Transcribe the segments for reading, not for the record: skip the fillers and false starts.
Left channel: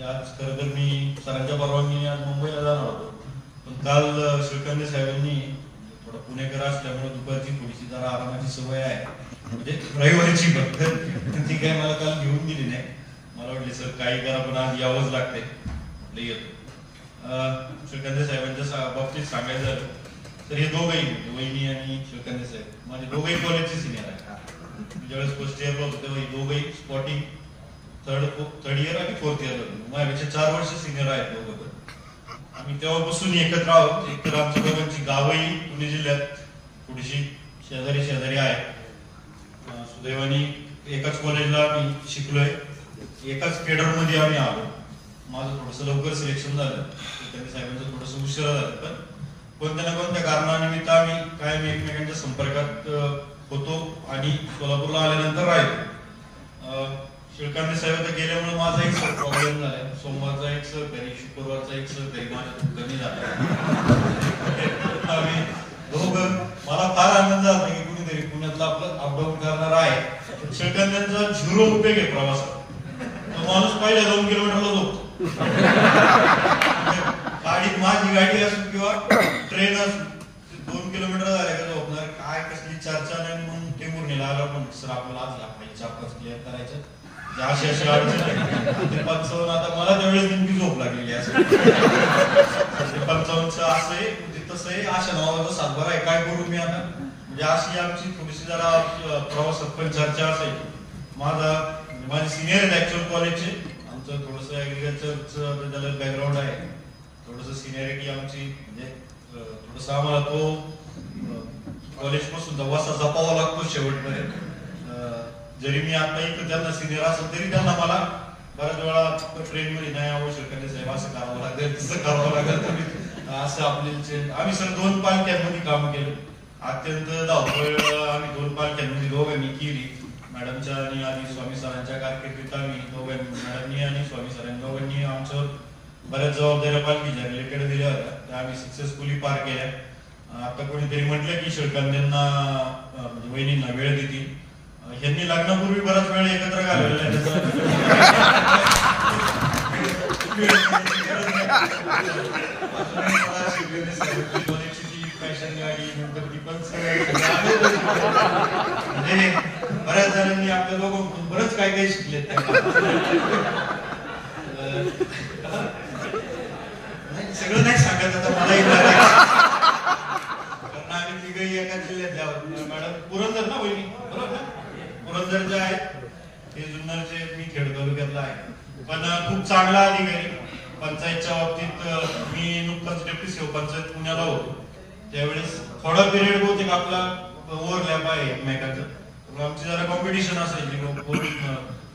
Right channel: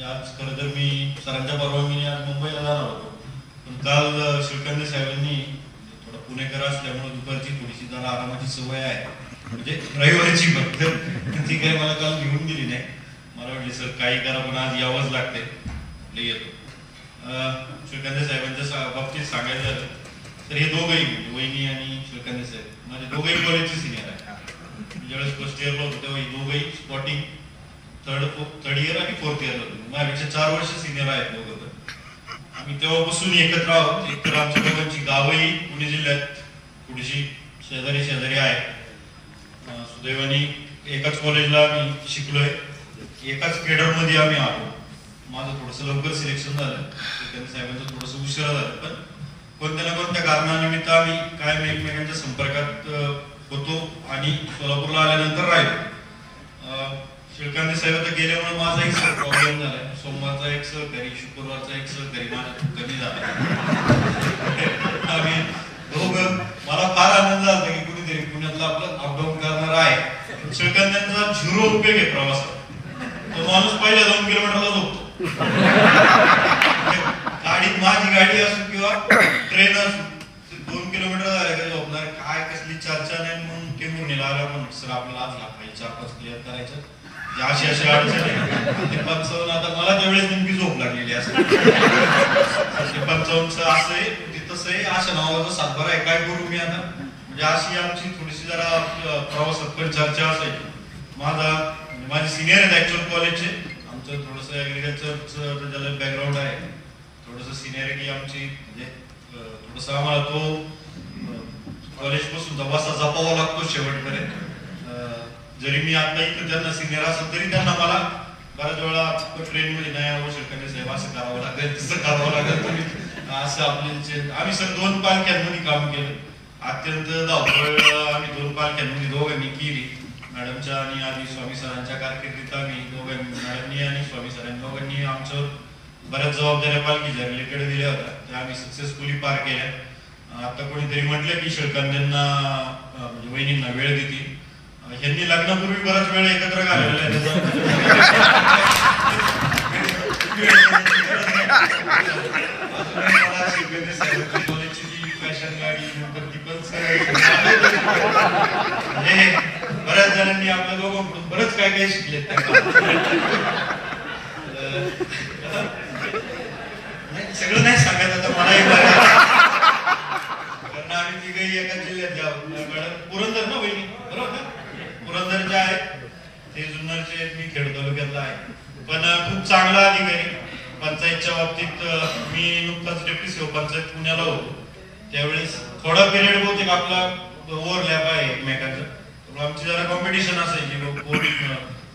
आज खरं तर मी सरांच्या परवानगीने आज मुंबईला जाणार होतो, पण काल श्रीकांत साहेबांनी थोडा पुणेकर असल्यामुळे दुपारची थोडीशी जरा आरामाची सवय आहे, म्हणजे रविवारची फक्त ती काही मला काल घेऊन दिली नाही. मला वाटली सर काही करा पण आज यावंच लागते, म्हटलं येतो. श्रीकांत साहेबांच्या बाबतीत सांगायचं झालं तर हे दोघंही म्हणजे वहिनी आणि श्रीकांत साहेब माझे दोघंही कॉलेजचे सिनियर आहे. ज्यावेळेस फर्स्ट इयरला होतो तेव्हा ही दोघंही स्पॉटिंग थर्ड इयर आणि फोर्थ इयर होतो. माझ्यापेक्षा 4 वर्ष सिनियर आहेत दोघं. आम्ही तेव्हापासून एकत्र आहोत. एकतर आमच्या दोघांची गावही पुणे जिल्ह्यात थोडीशी शेजारी आहे. सुदैवाने एकाच कॉलेजला आम्ही शिकलोय, एकाच केडर मध्ये आम्ही आलो. माझं थोडस लवकर सिलेक्शन झालं, श्रीकांत साहेबांचं थोडस उशिरा झालं, पण कोणत्या ना कोणत्या कारणानिमित्त आम्ही कायम एकमेकांच्या संपर्कात होतो आणि सोलापूरला आल्यानंतर राहिलो. श्रीकांत साहेब आता गेल्यामुळे माझा एक प्रॉब्लेम झालाय. सोमवारचा एक सहकारी, शुक्रवारचा एक सहकारी माझ्या कमी झाला. आम्ही दोघं, मला फार आनंद झाला की कुणीतरी पुण्यातला आपलं अपडाऊन करणार आहे. श्रीकांतांचा 0 उपयोग आहे प्रवासात. तो माणूस पहिल्या 2 किलोमीटरला झोपतो. गाडीत माझी गाडी असो किंवा ट्रेन असो, 2 किलोमीटर झाल्या का झोपणार. काय कसली चर्चा नाही. मग टेंभुर्णीला आला पण सर आपल्याला आज लागला 4-5 क्लिअर करायचं, अशी अडचण आहे. ते 55 आता मला त्यावेळेस नेमकी झोप लागलेली असते. ते 55चं असं आहे, तसं आहे, अशा नावाचा सातबारा आहे, काय करू मी आता. म्हणजे अशी आमची थोडीशी जरा प्रवासात पण चर्चा असायची. माझे सिनियर आहेत ऍक्च्युअल कॉलेजचे. आमचं थोडस ऍग्रिकल्चरचं त्याला बॅकग्राऊंड आहे. थोडस सिनियरिटी आमची, म्हणजे थोडस आम्हाला तो कॉलेज पासून वसा जपावा लागतो शेवटपर्यंत. जरी मी आता इथं त्यांना सिनियर असेल तरी त्यांना मला बऱ्याच वेळा ट्रेन मध्ये नाही आवश्यक साहेब असं करावं लागेल, तसं करावं लागेल, असं आपले. आम्ही सर 2 पालख्यांमध्ये काम केलं. अत्यंत धावपळ आम्ही 2 पालख्यांमध्ये दोघांनी केली. मॅडमच्या आणि आधी स्वामी सरांच्या कारकिर्दीत आम्ही दोघांनी, मॅडमनी आणि स्वामी सरांनी दोघांनी आमचं बऱ्याच जबाबदाऱ्या पालखीच्या रिलेटेड दिल्या होत्या, त्या आम्ही सक्सेसफुली पार केल्या. आता कोणीतरी म्हटलं की श्रीकांतांना म्हणजे वहिनींना वेळ देतील. यांनी लग्नापूर्वी बराच वेळ एकत्र घालवलेला आहे. फॅशन गाडी नंतर ती पण बऱ्याच जणांनी आपल्या दोघांकडून बरंच काय काय शिकले. सगळं नाही सांगायचं आता मला, कारण आम्ही तिघही एका जिल्ह्यात जावं. मॅडम पुरंदर ना बहिणी, बरोबर ना? पुरंदर जे आहे ते जुन्नरचे, मी खेड तालुक्यातला आहे. पण खूप चांगला अधिकारी. पंचायतच्या बाबतीत मी नुकताच डेप्युटी सीओ पंचायत पुण्याला होतो, त्यावेळेस थोडा पिरियड बहुतेक आपला ओव्हरलॅप आहे एकमेकांचं. आमची जरा कॉम्पिटिशन असायची,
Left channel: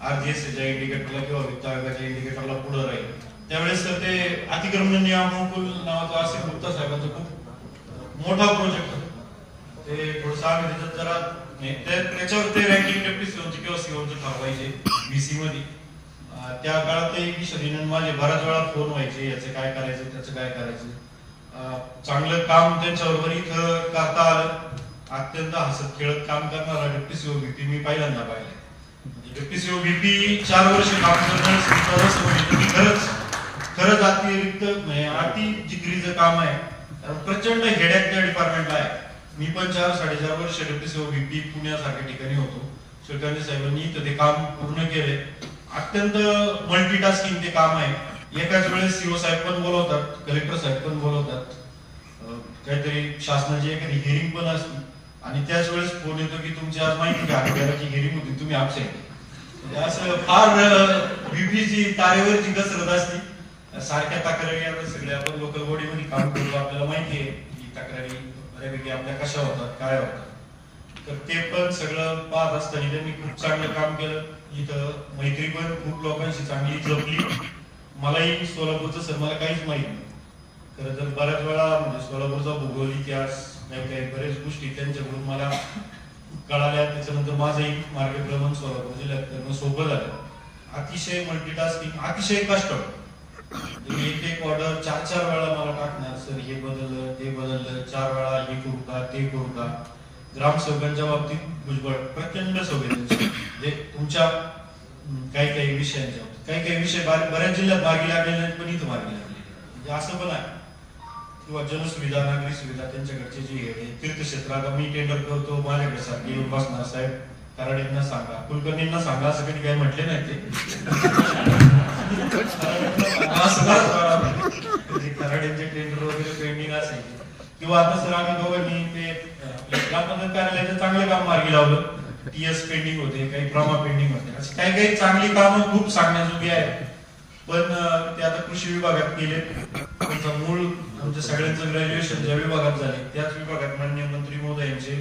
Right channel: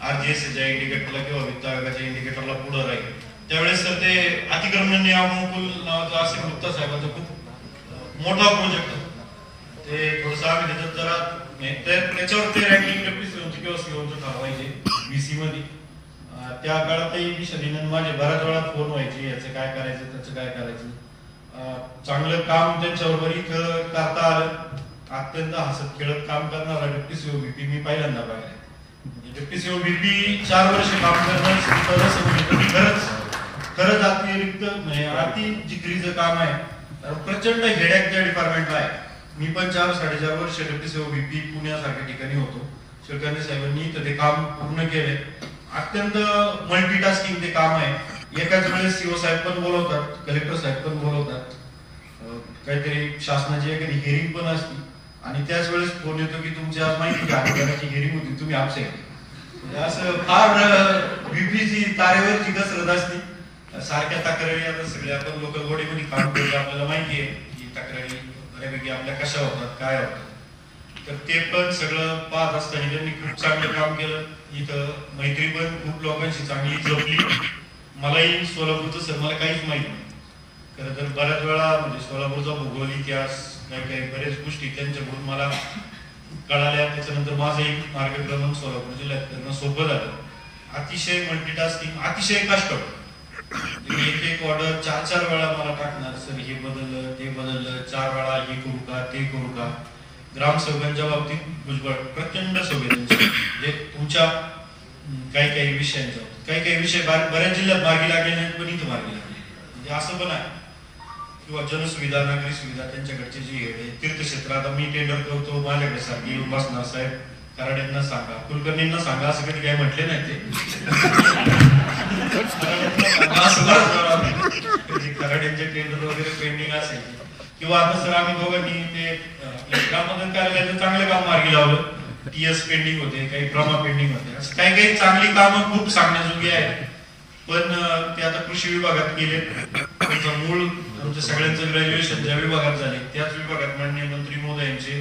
RGSच्या इंडिकेटरला किंवा वित्त आयोगाच्या इंडिकेटरला पुढे राहील. त्यावेळेस तर ते अतिक्रमण नियमानुकूल नावाचं असे गुप्ता साहेबांचं खूप मोठा प्रोजेक्ट होता. ते थोडस आम्ही त्याच्यात जरा त्याच्यावर ते रँकिंग डेप्युटी सीओची किंवा सीओची ठरवायचे BC मध्ये. त्या काळातही विषय माझे बऱ्याच वेळा फोन व्हायचे, याचं काय करायचं त्याचं काय करायचं. चांगलं काम त्यांच्याबरोबर इथं करता आलं. अत्यंत हसत खेळत काम करणारा डेप्युटी सीओ VP मी पहिल्यांदा पाहिला. डेप्युटी सीओ VP 4 वर्ष काम करणं खरंच अति जिगरीचं काम आहे. प्रचंड हेडॅक त्या डिपार्टमेंटला आहे. मी पण 4-4.5 वर्ष डेप्युटी सीओ VP पुण्यासारख्या ठिकाणी होतो. श्रीकांत साहेबांनी तर ते काम पूर्ण केले. अत्यंत मल्टीटास्किंग ते काम आहे. एकाच वेळेस सीओ साहेब पण बोलवतात, कलेक्टर साहेब पण बोलवतात, काहीतरी शासनाची एखादी हिअरिंग पण असते आणि त्याच वेळेस फोन येतो की तुमच्या माहिती अधिकाराची हिअरिंग होती, तुम्ही अपसेंट. असं फार VPची तारेवरची कसरत असते. सारख्या तक्रारी आता सगळ्या आपण लोकल बॉडीमध्ये काम करतो, आपल्याला माहिती आहे की तक्रारी बऱ्यापैकी आपल्या कशा होतात, काय होतात. तर ते पण सगळं पाहत असताना त्यांनी खूप चांगलं काम केलं. इथं मैत्री पण खूप लोकांशी चांगली जपली. मलाही सोलापूरचं सर मला काहीच माहिती नाही. खरं तर बऱ्याच वेळा म्हणजे सोलापूरचा भूगोल, इतिहास, काही बऱ्याच गोष्टी त्यांच्याकडून मला कळाल्या. त्याच्यानंतर माझंही मार्गक्रमण सोलापूर जिल्ह्यात करणं सोपं झालं. अतिशय मल्टीटास्किंग, अतिशय कष्ट. एक ऑर्डर 4-4 वेळा मला टाकणार, सर हे बदललं ते बदललं, 4 वेळा हे करू का ते करू का. ग्रामसेवकांच्या बाबतीत भुजबळ प्रचंड संवेदनशील, म्हणजे तुमच्या काही विषयांच्या काही काही विषय बऱ्याच जिल्ह्यात मार्गी लागले नाहीत, पण इथं मार्गी लागले. म्हणजे असं पण आहे. किंवा जनसुविधा, नागरी सुविधा त्यांच्याकडचे जी आहे तीर्थक्षेत्रात मी टेंडर करतो, माझ्याकडे सारखी येऊन बसणार, साहेब कराड्यांना सांगा, कुलकर्णींना सांगा, असं कधी काही म्हटले नाही ते. कराड्यांचे टेंडर वगैरे पेंडिंग असेल किंवा आता सर आम्ही दोघांनी ते ग्रामपंचायत कार्यालयाचं चांगले काम मार्गी लावलं. TS पेंडिंग होते, काही प्रमा पेंडिंग होते, असं काही काही चांगली कामं खूप सांगण्याजोगी आहे. पण ते आता कृषी विभागात गेले. मूळ आमच्या सगळ्यांचं ग्रॅज्युएशन ज्या विभागात झाले त्याच विभागात माननीय मंत्री महोदयांचे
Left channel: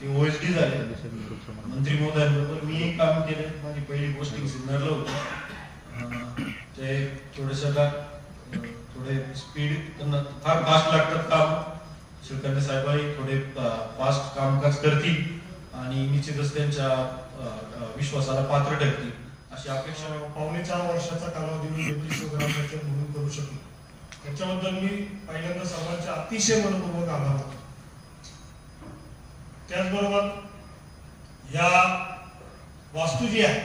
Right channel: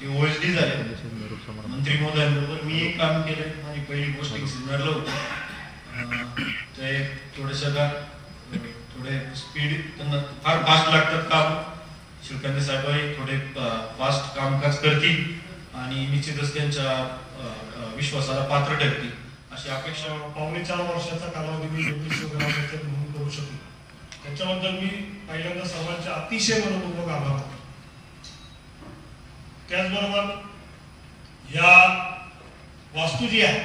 ते OSD झाले. मंत्री महोदयांबरोबर मी एक काम केलं. माझी पहिली पोस्टिंग सिन्नरला होती. ते थोडंसं थोडे स्पीड त्यांना फार फास्ट लागतात काम. शिवकांत साहेब थोडे फास्ट कामकाज करतील आणि निश्चितच त्यांच्या विश्वासाला पात्र ठरतील अशी अपेक्षा. 4.5 वर्षाचा कालावधी मी डेप्युटी ग्रामपंचायत म्हणून करू शकलो. त्याच्याबद्दल मी पहिल्यांदा सर्वांचे अतिशय मनपूर्वक आभार मानतो. त्याचबरोबर या वास्तू जी आहे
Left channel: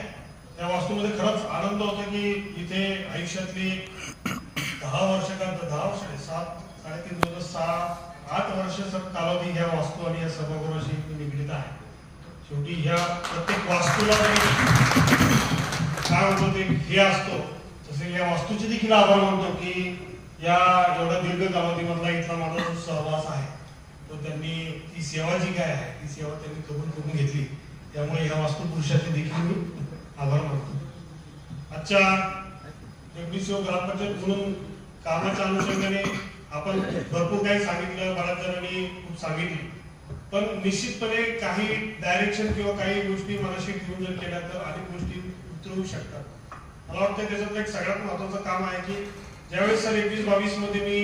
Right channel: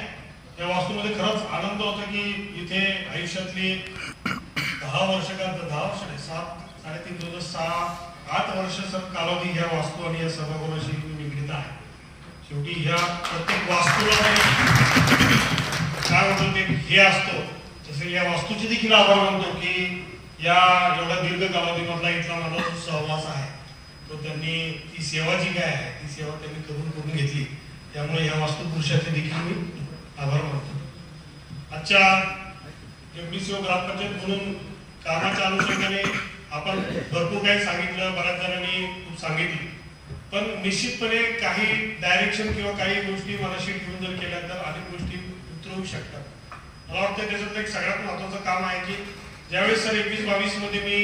त्या वास्तूमध्ये खरंच आनंद होता की इथे आयुष्यातली 10 वर्ष का 10 वर्ष नाही 7-3 दिवस 6-8 वर्ष कालावधी ह्या वास्तू आणि या सभागृहाशी निगडीत आहे. शेवटी ह्या प्रत्येक वास्तूला काय म्हणतो ते हे असतो तसे या वास्तूचे देखील आभार मानतो की या एवढ्या दीर्घ कालावधीमधला इथला माझा जो सहवास आहे तो त्यांनी ती सेवा जी काय आहे ती सेवा त्यांनी करून घेतली. त्यामुळे या वास्तू पुरुषाचे देखील मी आभार मानतो. आजच्या डेप्युटी सीओ ग्रामपंचायत म्हणून कामाच्या अनुषंगाने आपण भरपूर काही सांगितलं, बऱ्याच जणांनी खूप सांगितलं, पण निश्चितपणे काही डायरेक्शन किंवा काही गोष्टी मनाशी ठेवून जर केल्या तर अनेक गोष्टी उतरवू शकतात. मला वाटतं त्याच्यातलं एक सगळ्यात महत्वाचं काम आहे की ज्यावेळेस सर 21-22 मध्ये मी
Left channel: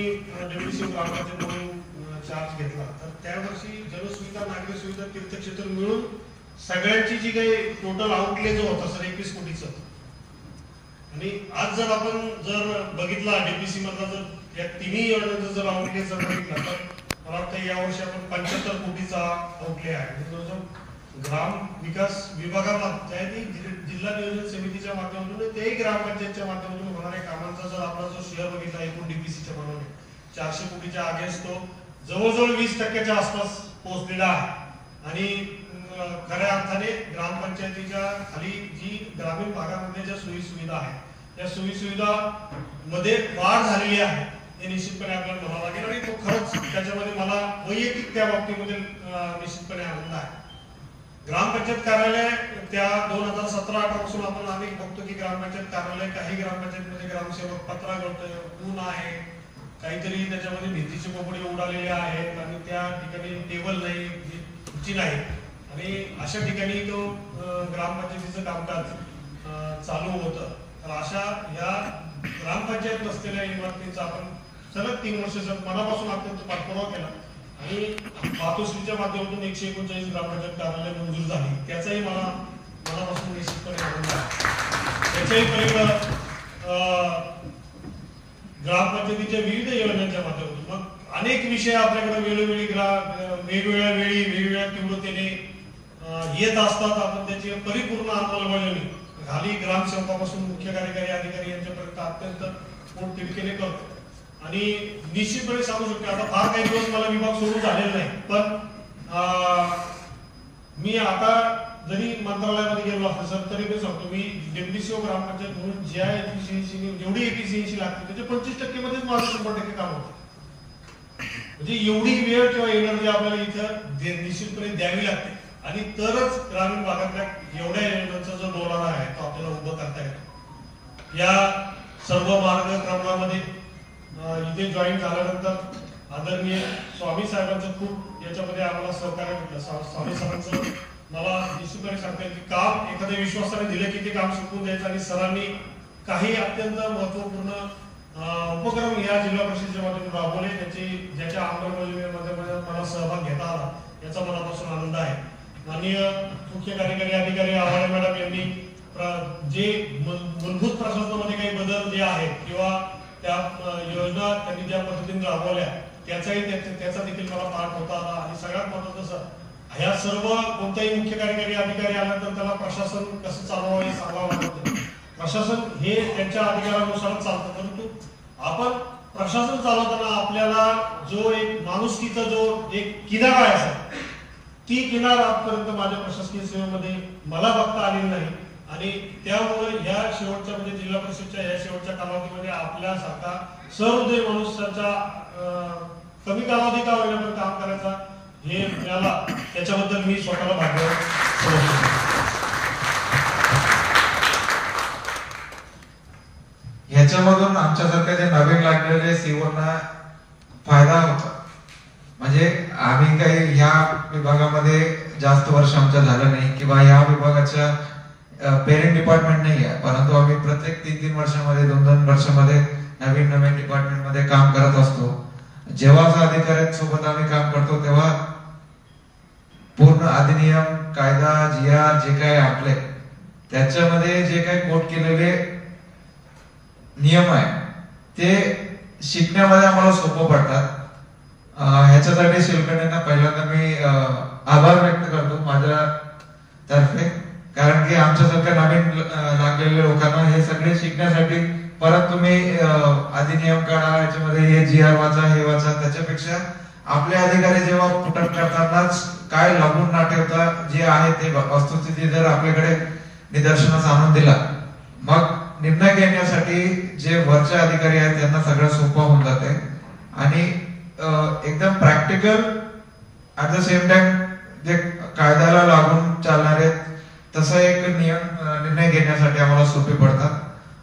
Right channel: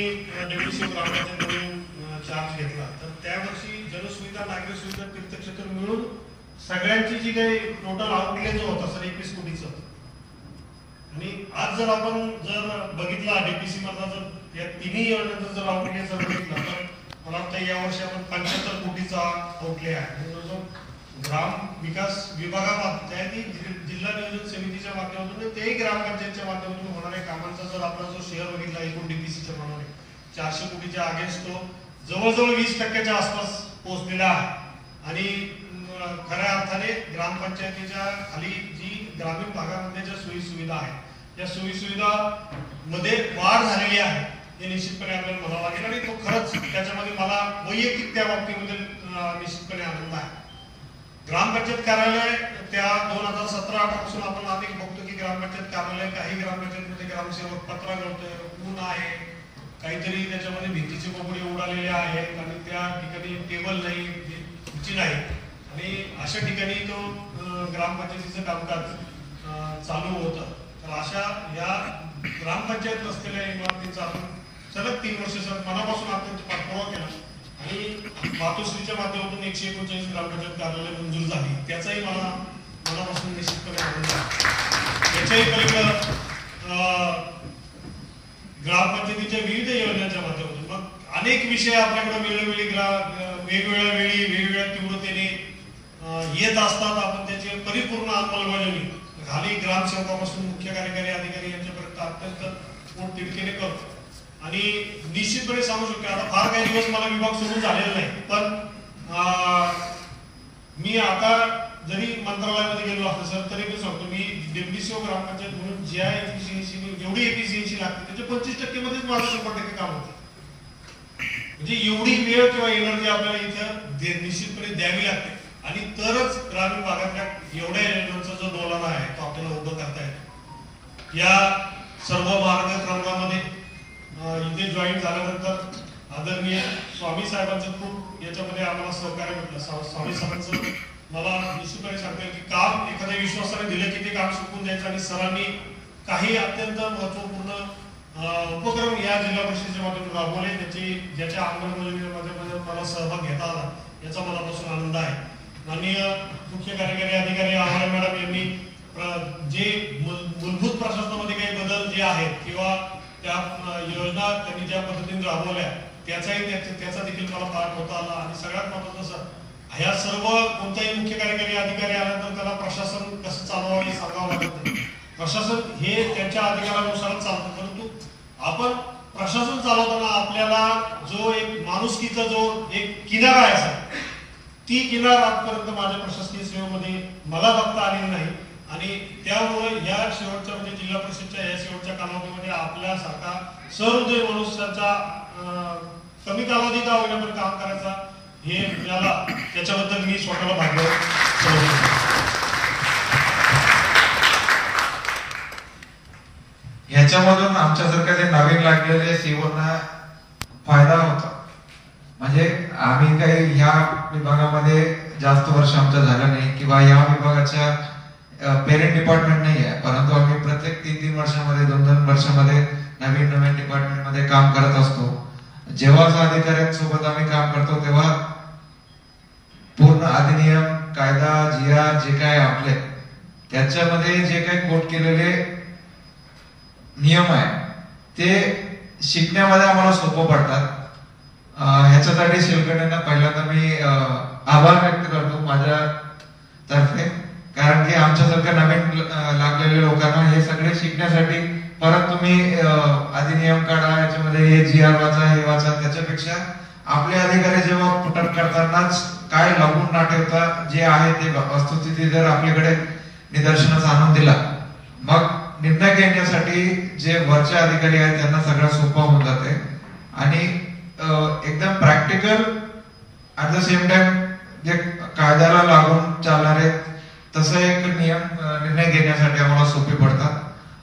डेप्युटी सीओ ग्रामपंचायत म्हणून चार्ज घेतला तर त्यावर्षी जनसुविधा, नागरी सुविधा, तीर्थक्षेत्र मिळून सगळ्यांची जी काही टोटल आउटले जो होता सर 21 कोटीचा. आणि आज जर आपण बघितला डीपीसी मधला जर या तिन्ही योजनांचा जर आउटले जर बघितला तर मला वाटतं या वर्षी आपण 75 कोटीचा आउटले आहे. ग्राम विकास विभागामध्ये जिल्हा नियोजन समितीच्या माध्यमातून तेही ग्रामपंचायतच्या माध्यमातून होणाऱ्या कामांचा जर आपण जो शेअर बघितला एकूण डीपीसीच्या प्रमाणे 400 कोटीच्या अगेन्स्ट तो जवळजवळ 20% आसपास पोहोचलेला आहे. आणि खऱ्या अर्थाने ग्रामपंचायतीच्या खाली जी ग्रामीण भागामध्ये ज्या सोयी सुविधा आहेत त्या सोयी सुविधा मध्ये वाढ झालेली आहे हे निश्चितपणे आपल्याला म्हणावं लागेल. आणि तो खरंच त्याच्यामध्ये मला वैयक्तिक त्या बाबतीमध्ये निश्चितपणे आनंद आहे. ग्रामपंचायत कार्यालय त्या 2017-18 पासून आपण आम्ही बघतो की ग्रामपंचायत कार्यालय काही ग्रामपंचायतमध्ये ग्रामसेवक पत्रा करतोय, ऊन आहे, काहीतरी त्याच्यामध्ये भिंतीचे कपडे उडालेले आहेत आणि त्या ठिकाणी टेबल नाही, खुर्ची नाही आणि अशा ठिकाणी तो ग्रामपंचायतीचं कामकाज चालू होतं. तर अशा या ग्रामपंचायत नसलेल्या इमारतींचा आपण सलग 3 वर्ष मनापासून अत्यंत पाठपुरावा केला आणि मातोश्रीच्या माध्यमातून 139 ग्रामपंचायत कार्यालय मंजूर झाली. त्याचाही मला मनापासून निश्चितपणे आनंद आहे. याच्याही पलीकडे ग्रामपंचायतीच्या विविध योजनांच्या माध्यमातून मग अनेक विषय आपल्याकडे वेगवेगळ्या वेळी वेगवेगळ्या तीव्रतेने येत असतात. आपण त्याची परिपूर्ण अंमलबजावणी खाली ग्रामसेवकापासून मुख्य कार्यकारी अधिकारी यांच्यापर्यंत अत्यंत पोटतिडकीने करतो. आणि निश्चितपणे सांगू शकतो आता फार काही दिवस मला विभाग सुरू झालेला नाही, पण मी आता जरी मंत्रालयामध्ये गेलो असतो सर तरी पण सांगतो मी डेप्युटी सीओ ग्रामपंचायत म्हणून ज्या जेवढी एफिशियन्सी लागते त्याच्या 25% मध्येच माझं 100% काम होते. म्हणजे एवढी वेळ किंवा एनर्जी आपल्याला इथं निश्चितपणे द्यावी लागते आणि तरच ग्रामीण भागातल्या एवढ्या योजनांचा जो डोलारा आहे तो आपल्याला उभं करता येतो. या सर्व मार्गक्रमामध्ये इथे जॉईन झाल्यानंतर आदरणीय स्वामी साहेबांचं खूप याच्यामध्ये आम्हाला सहकार्य भेटलं. स्वामी साहेबांचं मला निश्चितपणे सांगता येईल की काम एखाद्या विश्वासाने दिलं की ते काम शिकून द्यायचं आणि सरांनी काही अत्यंत महत्वपूर्ण उपक्रम या जिल्हा परिषदेच्या माध्यमातून राबवले ज्याच्या अंमलबजावणीमध्ये मला सहभाग घेता आला याचा मनापासून आनंद आहे. माननीय मुख्य कार्यकारी अधिकारी आव्हाड मॅडम यांनी जे मूलभूत प्रशासनामध्ये काही बदल जे आहेत किंवा त्या योजना त्यांनी ज्या पद्धतीने राबवल्या त्याचा देखील मला पाठ होता आला. आणि सगळ्यात महत्त्वाचं ह्या सर्व कोणताही मुख्य कार्यकारी अधिकारी आल्यानंतर त्याला प्रशासन कसं चालवावं हे सांगावं लागत. प्रशासन हे त्यांच्या अधिकारानुसारच चालतं, परंतु आपण प्रशासन चालवताना आपल्याला जो एक माणुसकीचा जो एक किनारा आहे सर, ती किनार आजपर्यंत माझ्या प्रशासकीय सेवेमध्ये मला बघता आलेली नाही. आणि त्यामुळे या शेवटच्या म्हणजे जिल्हा परिषदच्या या शेवटच्या कालावधीमध्ये आपल्यासारखा सहृदय माणूस त्यांच्या कमी कालावधी का होईना काम करायचा हे मिळाला, त्याच्याबद्दल मी स्वतःला भाग्य समजतो. याच्यामधून आमच्यासारख्या जे नवीन लागलेले सीओना फायदा होता. म्हणजे आम्ही काही ह्या विभागामध्ये जास्त वर्ष आमचं झालं नाही किंवा या विभागाच्या पेरेंट डिपार्टमेंट नाही आहे, परंतु आम्ही प्रत्येक 3-3 वर्षामध्ये 2-2 वर्षामध्ये नवीन डिपार्टमेंट मध्ये काम करत असतो. जेव्हा अधिकाऱ्यांसोबत आम्ही काम करतो तेव्हा पूर्ण अधिनियम, कायदा, GR जे काय आपले त्याच्यामध्ये जे काही कोट केलेले नियम आहे ते शिकण्यामध्ये आम्हाला सोपं पडतात. ह्याच्यासाठी शेलकणींना पहिल्यांदा मी आभार व्यक्त करतो माझ्या तर्फे, कारण की आमच्यासारख्या नवीन लागलेल्या लोकांना हे सगळे शिकण्यासाठी परत तुम्ही अधिनियम काढा, याच्यामध्ये हे GR वाचा, हे वाचा, त्याच्यापेक्षा आपले अधिकारी जेव्हा पुटअप करतानाच काय लागून ना ठेवता जे आहे ते वस्तुस्थिती जर आपल्याकडे निदर्शनास आणून दिला, मग निर्णय घेण्यासाठी जे वरचे अधिकारी आहेत त्यांना सगळं सोपं होऊन जाते. आणि एकदम practical at the same time जे कायद्याला लागून चालणारे तसं एक निर्णय घेण्यासाठी आम्हाला सोपे पडतात.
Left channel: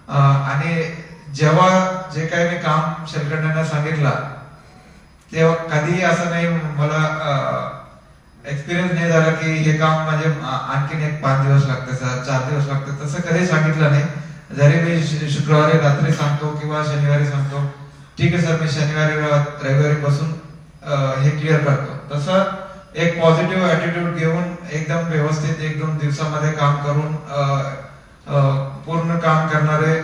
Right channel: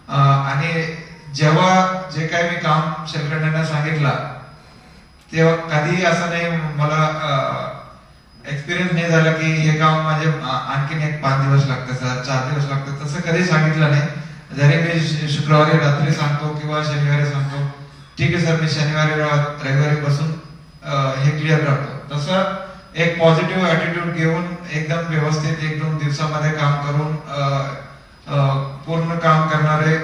आणि जेव्हा जे काही मी काम शेलकंड्यांना सांगितलं तेव्हा कधीही असं नाही मला एक्सपिरियन्स नाही झाला की हे काम म्हणजे आणखीन एक 5 दिवस लागते सर, 4 दिवस लागते, तसं कधी सांगितलं नाही. जरी मी शुक्रवारी रात्री सांगतो किंवा शनिवारी सांगतो, ठीक आहे सर मी शनिवारी रविवारी पासून हे क्लिअर करतो, तसं एक पॉझिटिव्ह ऍटिट्यूड घेऊन एकदम व्यवस्थित 1-2 दिवसामध्ये काम करून पूर्ण काम करणारे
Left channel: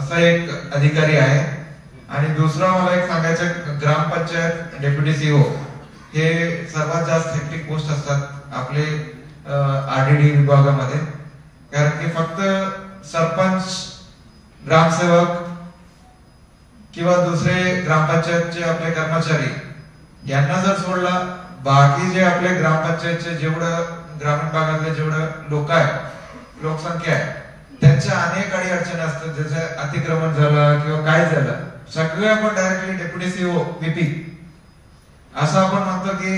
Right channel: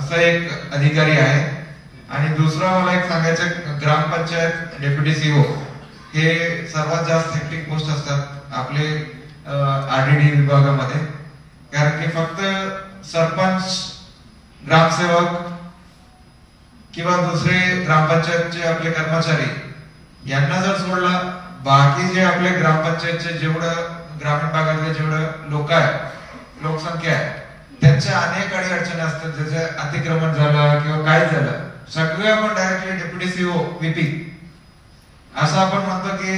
असा एक अधिकारी आहे. आणि दुसरा मला एक सांगायचं, ग्रामपंचायत डेप्युटी सीओ हे सर्वात जास्त हेक्टिक पोस्ट असतात आपले RDD विभागामध्ये, कारण की फक्त सरपंच, ग्रामसेवक किंवा दुसरे ग्रामपंचायतचे आपले कर्मचारी यांना जर सोडला, बाकी जे आपले ग्रामपंचायतचे जेवढं ग्रामीण भागातले जेवढं लोक आहे, लोकसंख्या आहे, त्यांच्या अनेक अडचणी असतात. जसे अतिक्रमण झालं किंवा काय झालं, सगळे आपण डायरेक्टली डेप्युटी सीओ VP असं आपण म्हणतो की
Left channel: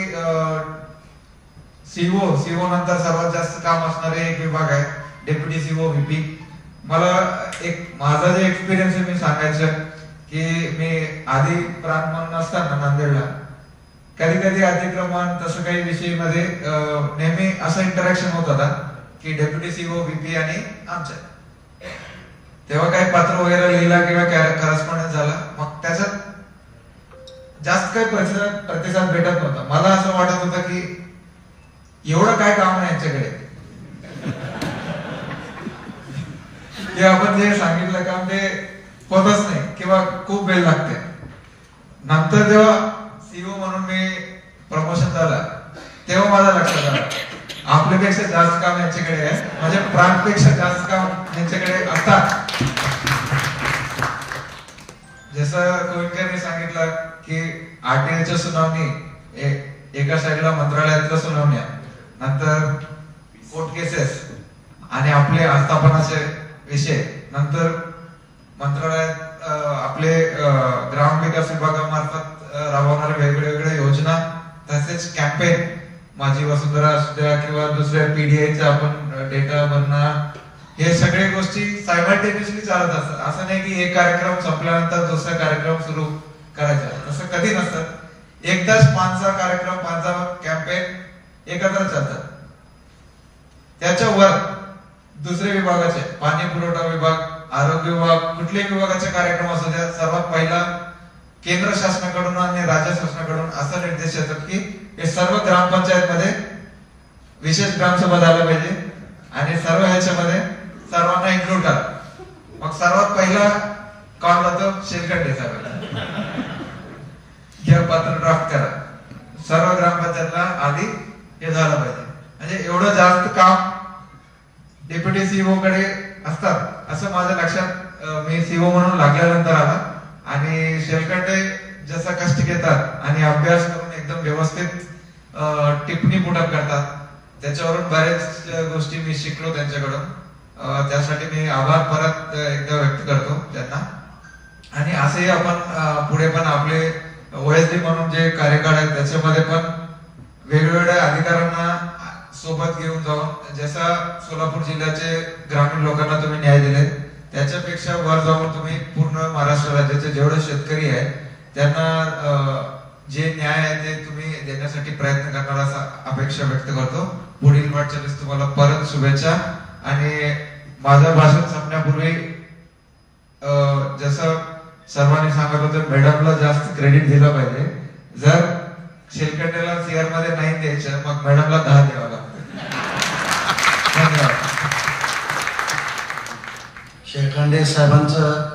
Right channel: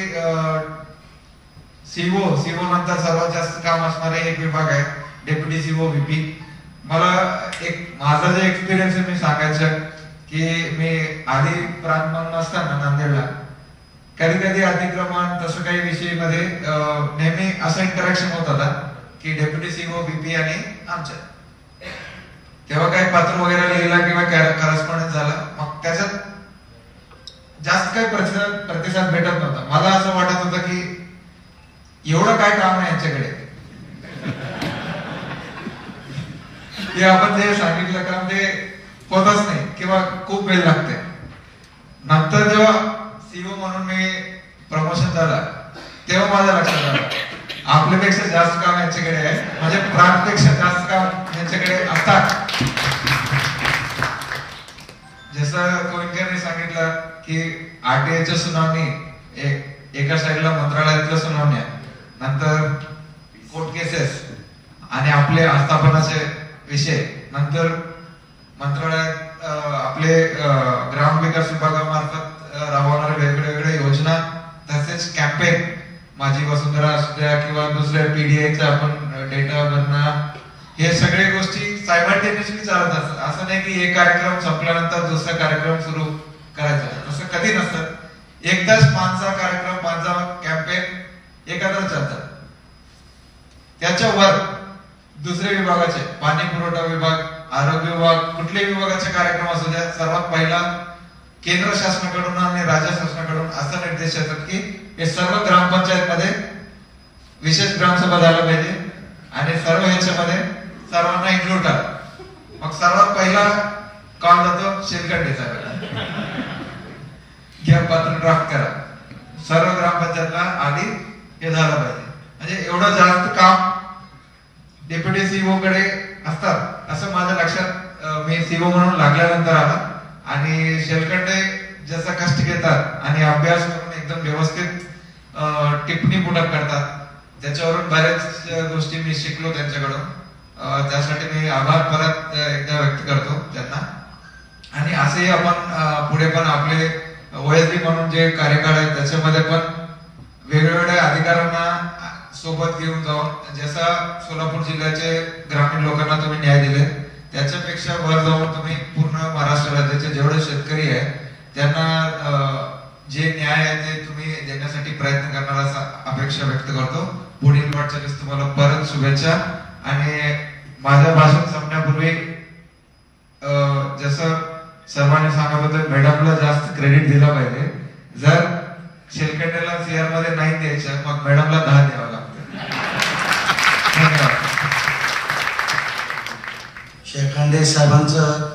सीओ नंतर सर्वात जास्त काम असणारे एक विभाग आहे डेप्युटी सीओ VP. मला एक माझा जे एक्सपिरियन्स आहे मी सांगायचं की मी आधी प्रांत असताना नांदेडला कधी अतिक्रमण तसं काही विषय मध्ये नेहमी असं इंटरॅक्शन होत होता की डेप्युटी सीओ VP आणि आमच्या तेव्हा काही पत्र वगैरे लिहिला किंवा करस्पॉन्डन्स झाला, मग त्याच्यात जास्त काही प्रतिसाद भेटत नव्हता. मला असं वाटत होतं की एवढं काय काम नाही यांच्याकडे, ते आपण जे सांगितलं काम ते होतच नाही किंवा खूप वेळ लागते. नंतर जेव्हा सीओ म्हणून मी प्रमोशन झाला तेव्हा माझ्या लक्षात आलं आपल्यापेक्षा जास्त काम यांच्याकडे आहे, म्हणजे प्रांतपेक्षा जास्त काम यांच्याकडे असतात. जसं गोविंदकरने सांगितलं की RTIच्या सुनावणी एका साईडला मंत्रालयातल्या सुनावण्या, नंतर कोर्ट केसेस आणि आपले आस्थापनाचे विषय, नंतर मंत्रालयात आपले ग्रामविकास विभागामार्फत राबवणारे वेगवेगळे योजना, तसेच कॅम्पेन माझी वसुंधरा असू द्या किंवा दुसऱ्या PDIचा आपण डेटा भरणं, हे सगळे गोष्टी सायमल्टेनियसली चालत असतात. असं नाही की एक कार्यक्रम संपल्यानंतर दुसरा कार्यक्रम सुरू करायचा, असं कधी नसतं. एकदाच 5चा कार्यक्रम, 5चा कॅम्पेन एकत्र चालतात. त्याच्यावर दुसरे विभागाचे पाणी पुरवठा विभाग, आरोग्य विभाग, कुठल्याही विभागाचे कार्यक्रम असू द्या, सर्वात पहिला केंद्र शासनाकडून आणि राज्य शासनाकडून असा निर्देश येतात की हे सर्व ग्रामपंचायत मध्ये विशेष ग्रामसभा झाला पाहिजे आणि सर्व ह्याच्यामध्ये सर्वांना इन्क्लूड करा. मग सर्वात पहिला कॉल जातो शेलकंडे साहेबांना, घ्या पत्र ड्राफ्ट करा, सर्व ग्रामपंचायतला आधी हे झालं पाहिजे. म्हणजे एवढं जास्त काम डेप्युटी सीओ कडे असतात असं माझ्या लक्षात मी सीओ म्हणून लागल्यानंतर आलं. आणि शेलकंडे जसं कष्ट घेतात आणि अभ्यास करून एकदम व्यवस्थित टिप्पणी पुढे करतात, त्याच्यावरून बऱ्याच गोष्टी मी शिकलो त्यांच्याकडून. त्यासाठी मी आभार परत एकदा व्यक्त करतो त्यांना. आणि असेही आपण पुढे पण आपले OSD म्हणून जे कार्यकाळ आहे त्याच्यामध्ये पण वेगवेगळ्या अधिकाऱ्यांना सोबत घेऊन जाऊन, जसा सोलापूर जिल्ह्याचे ग्रामीण लोकांना तुम्ही न्याय दिले त्याच्यापेक्षा वर जाऊन तुम्ही पूर्ण महाराष्ट्र राज्याचे जेवढे शेतकरी आहेत त्यांना जे न्याय आहे ते तुम्ही देण्यासाठी प्रयत्न करणार असा अपेक्षा व्यक्त करतो. पुढील वाटचालीस तुम्हाला परत शुभेच्छा. आणि माझं भाषण संपण्यापूर्वी जसं सर्वांनी सांगत होते, मॅडमला जास्त क्रेडिट दिलं पाहिजे. जर शेलकंडेला CR मध्ये नाही द्यायचं, मग मॅडमला 10 द्यावं लागतं. धन्यवाद. शेलकंडे साहेबांचं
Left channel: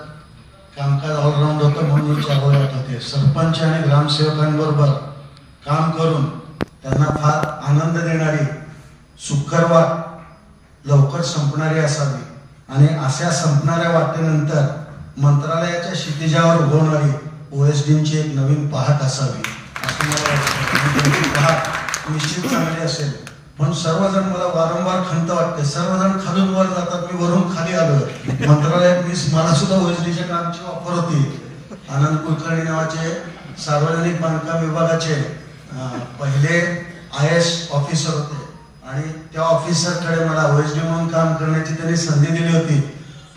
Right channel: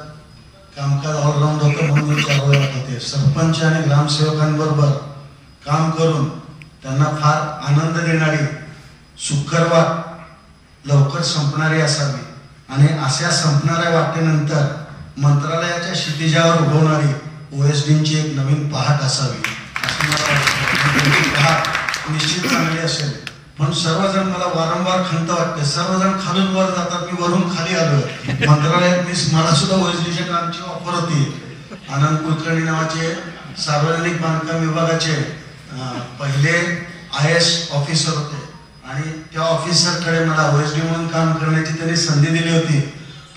कामकाज ऑलराऊंड होतं म्हणून चालवलं होते. सरपंच आणि ग्रामसेवकांबरोबर काम करून त्यांना फार आनंद देणारी, सुखकर लवकर संपणारी असावी आणि अशा संपणाऱ्या वाटेनंतर मंत्रालयाच्या क्षितिजावर उभवणारी OSDची एक नवीन पहाट असावी असं मला वाटतं. पहाट निश्चित चांगली असेल. पण सर्वजण मला वारंवार खंत वाटते, सर्वजण खालून वर जातात, मी वरून खाली आलो. मंत्रालयात मला सुद्धा OSDच्या कामची ऑफर होती. आनंद कुलकर्णी नावाचे सार्वजनिक बांधकाम विभागाचे पहिले IAS ऑफिसर होते आणि त्या ऑफिसरकडे मला OSD म्हणून काम करण्याची त्यांनी संधी दिली होती.